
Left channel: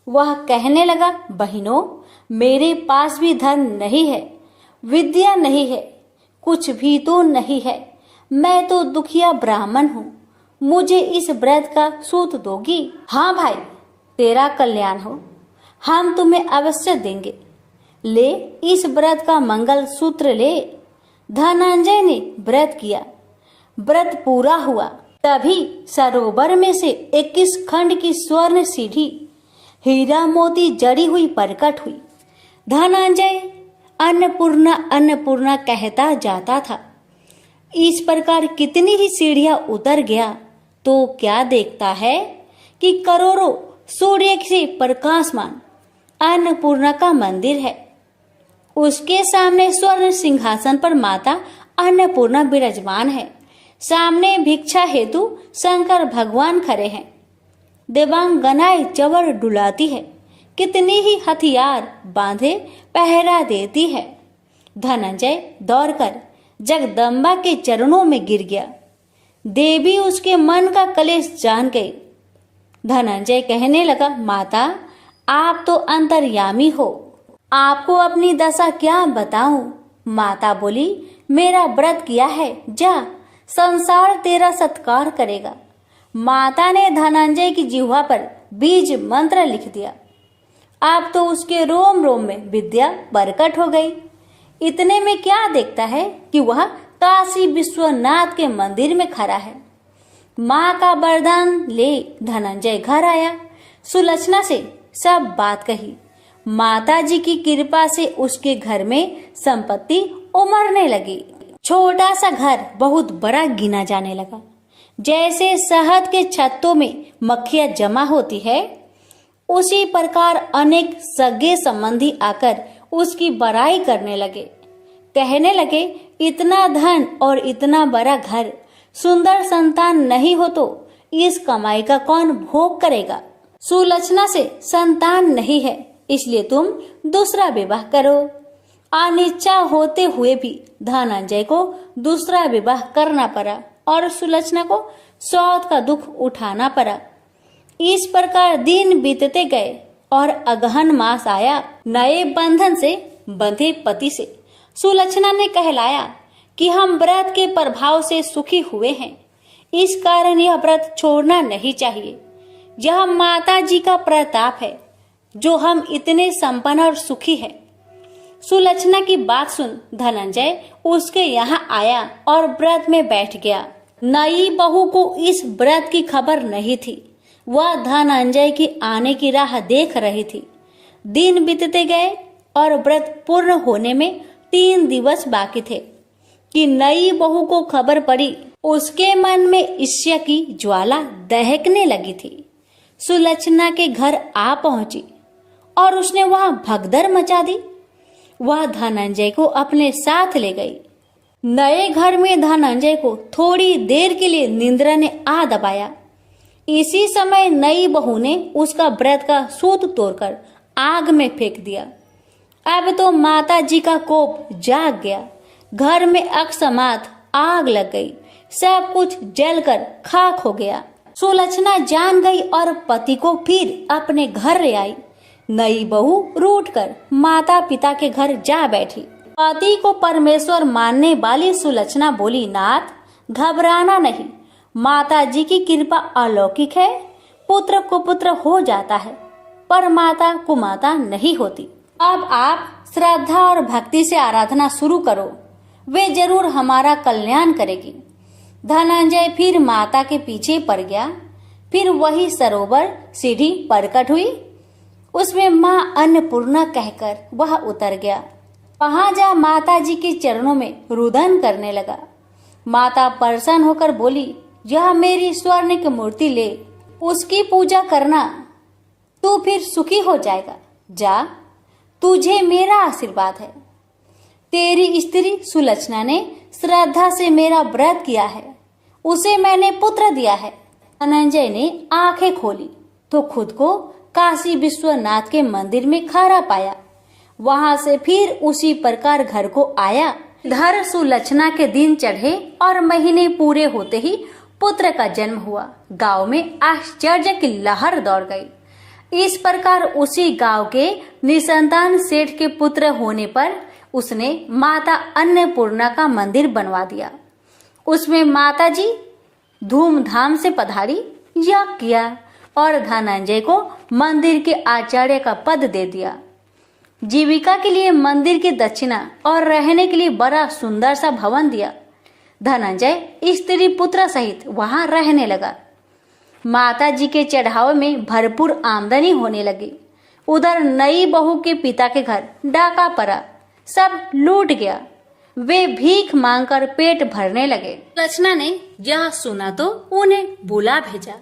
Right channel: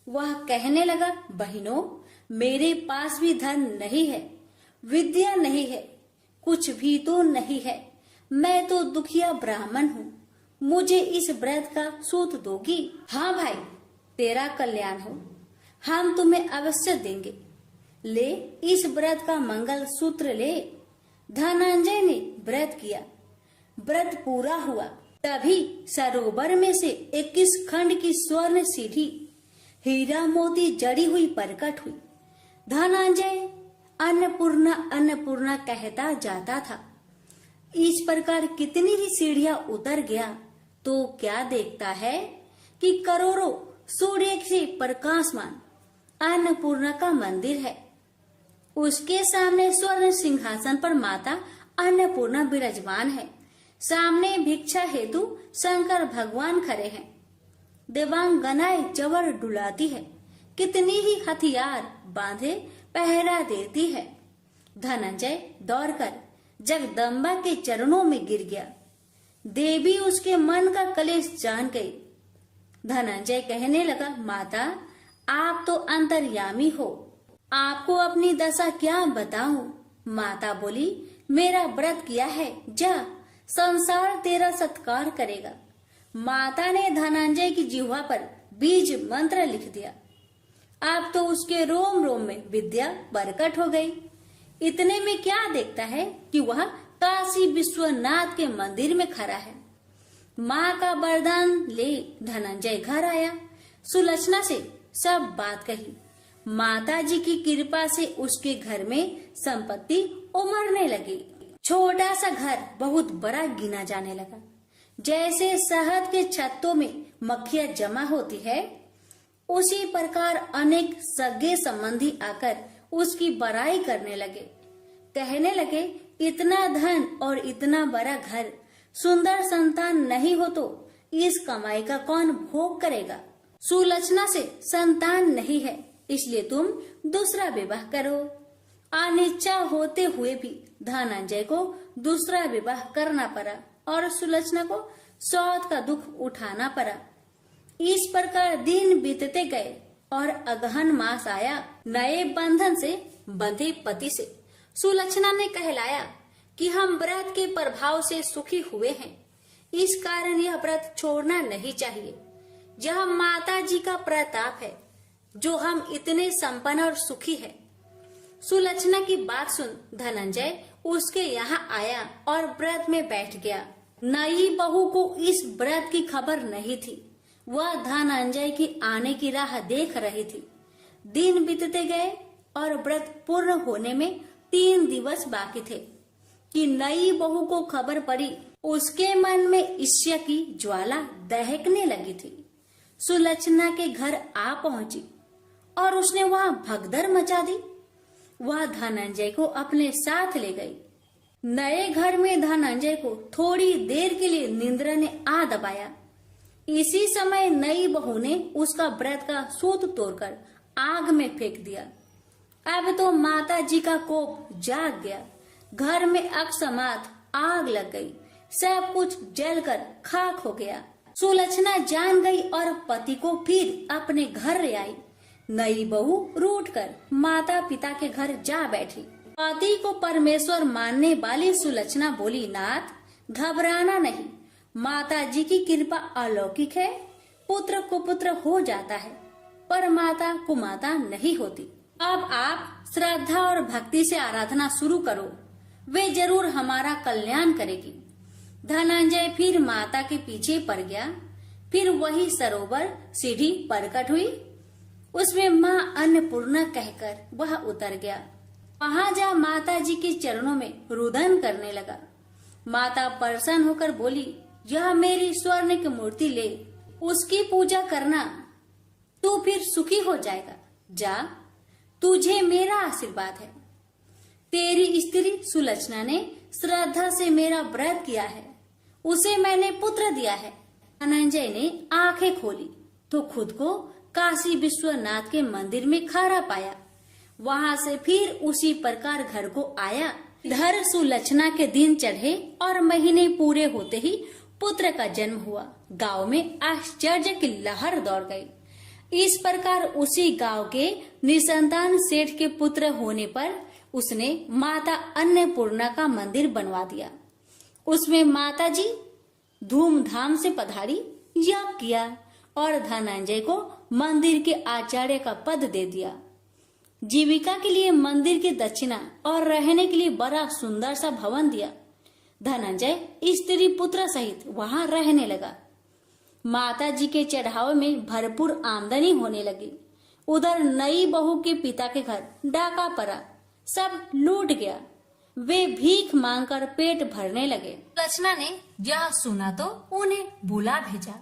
वह कहने लगा, बहनों, मेरे पास भी धन नहीं है, विद्या नहीं है, कुछ भी तो नहीं है। मैं तो दुखिया ब्राह्मण हूँ। मुझे इस व्रत का सूत दोगी? हाँ भाई, तेरा कल्याण हो, हम तुम्हें अवश्य देंगे। ले, इस व्रत का मंगल सूत्र ले। धनंजय ने व्रत किया। व्रत पूरा हुआ। तभी सरोवर में से 21 खंड की स्वर्ण सीढ़ी हीरा मोती जड़ी हुई प्रकट हुई। धनंजय अन्नपूर्णा अन्नपूर्णा कहता जाता था। इस प्रकार कितनी ही सीढ़ियां उतर गया तो क्या देखता है कि करोड़ों सूर्य से प्रकाशमान अन्नपूर्णा का मंदिर है। उसके सामने स्वर्ण सिंहासन पर माता अन्नपूर्णा विराजमान है। सामने भिक्षा हेतु शंकर भगवान खड़े हैं। देवांगनाएं चवर डुलाती है। कितनी ही हथियार बांधे पहरा देती है। धनंजय दौड़कर जगदम्बा के चरणों में गिर गया। देवी उसके मन का कलेश जान गई। धनंजय कहने लगा, माता, आप तो अंतर्यामी हो, आपको अपनी दशा क्या बताऊं? माता बोली, मेरा व्रत किया है, जा, संसार तेरा सत्कार करेगा। माता ने धनंजय की जिह्वा पर बीज मंत्र लिख दिया। अब तो उसके रोम रोम में विद्या प्रकट हो गई। इतने में क्या देखता है कि वह काशी विश्वनाथ के मंदिर में खड़ा है। माँ का वरदान ले धनंजय घर आया। सुलक्षणा से सब बात कही। माता जी की कृपा से उसके घर में संपत्ति उमड़ने लगी। छोटा सा घर बहुत बड़ा गिना जाने लगा। जैसे शहद के छत्तों में मक्खियां जमा होती है, उसी प्रकार अनेक सगे संबंधी आकर उसकी बड़ाई करने लगे। कहने लगे, इतना धन और इतना बड़ा घर, सुंदर संतान नहीं हो तो इस कमाई का कौन भोग करेगा? सुलक्षणा से संतान नहीं है, इसलिए तुम दूसरा विवाह करो। अनिच्छा होते हुए भी धनंजय को दूसरा विवाह करना पड़ा और सुलक्षणा को सौत का दुख उठाना पड़ा। इस प्रकार दिन बीतते गए और अगहन मास आया। नए बंधन से बंधे पति से सुलक्षणा ने कहलाया कि हम व्रत के प्रभाव से सुखी हुए हैं, इस कारण यह व्रत छोड़ना नहीं चाहिए। यह माता जी का प्रताप है जो हम इतने संपन्न और सुखी हैं। सुलक्षणा की बात सुन धनंजय उसके यहाँ आया और व्रत में बैठ गया। नई बहू को इस व्रत की खबर नहीं थी। वह धनंजय की आने की राह देख रही थी। दिन बीतते गए और व्रत पूर्ण होने में 3 दिवस बाकी थे कि नई बहू को खबर पड़ी। उसके मन में ईर्ष्या की ज्वाला दहकने लगी थी। सुलक्षणा के घर आ पहुंची और उसने वहां भगदड़ मचा दी। वह धनंजय को अपने साथ ले गई। नए घर में धनंजय को थोड़ी देर के लिए निंद्रा ने आ दबाया। इसी समय नई बहू ने उसका व्रत का सूत तोड़कर आग में फेंक दिया। अब तो माता जी का कोप जाग गया। घर में अकस्मात आग लग गई। सब कुछ जलकर खाक हो गया। सुलक्षणा जान गई और पति को फिर अपने घर ले आई। नई बहू रूठकर माता पिता के घर जा बैठी। पति को परमेश्वर मानने वाली सुलक्षणा बोली, नाथ घबराना नहीं, माता जी की कृपा अलौकिक है। पुत्र कुपुत्र हो जाता है पर माता कुमाता नहीं होती। अब आप श्रद्धा और भक्ति से आराधना शुरू करो, वे जरूर हमारा कल्याण करेगी। धनंजय फिर माता के पीछे पड़ गया। फिर वही सरोवर सीढ़ी प्रकट हुई। उसमें माँ अन्नपूर्णा कहकर वह उतर गया। वहां जा माता जी के चरणों में रुदन करने लगा। माता प्रसन्न होकर बोली, यह मेरी स्वर्ण की मूर्ति ले, उसकी पूजा करना, तू फिर सुखी हो जाएगा। जा, तुझे मेरा आशीर्वाद है। तेरी स्त्री सुलक्षणा ने श्रद्धा से मेरा व्रत किया है, उसे मैंने पुत्र दिया है। धनंजय ने आंखें खोली तो खुद को काशी विश्वनाथ के मंदिर में खड़ा पाया। वहां से फिर उसी प्रकार घर को आया। इधर सुलक्षणा के दिन चढ़े और महीने पूरे होते ही पुत्र का जन्म हुआ। गांव में आश्चर्य की लहर दौड़ गई। इस प्रकार उसी गांव के निसंतान सेठ के पुत्र होने पर उसने माता अन्नपूर्णा का मंदिर बनवा दिया। उसमें माता जी धूमधाम से पधारी, यज्ञ किया और धनंजय को मंदिर के आचार्य का पद दे दिया। जीविका के लिए मंदिर की दक्षिणा और रहने के लिए बड़ा सुंदर सा भवन दिया। धनंजय स्त्री पुत्र सहित वहां रहने लगा। माता जी के चढ़ावे में भरपूर आमदनी होने लगी। उधर नई बहू के पिता के घर डाका पड़ा, सब लूट गया। वे भीख मांगकर पेट भरने लगे। लक्षणा ने यह सुना तो उन्हें बुला भेजा,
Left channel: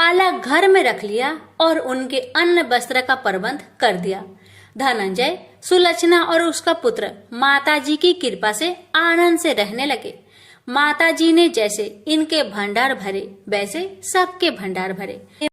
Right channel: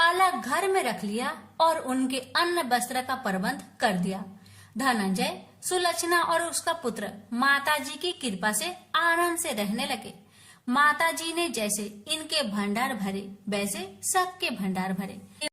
अलग घर में रख लिया और उनके अन्न वस्त्र का प्रबंध कर दिया। धनंजय, सुलक्षणा और उसका पुत्र माताजी की कृपा से आनंद से रहने लगे। माताजी ने जैसे इनके भंडार भरे वैसे सबके भंडार भरे।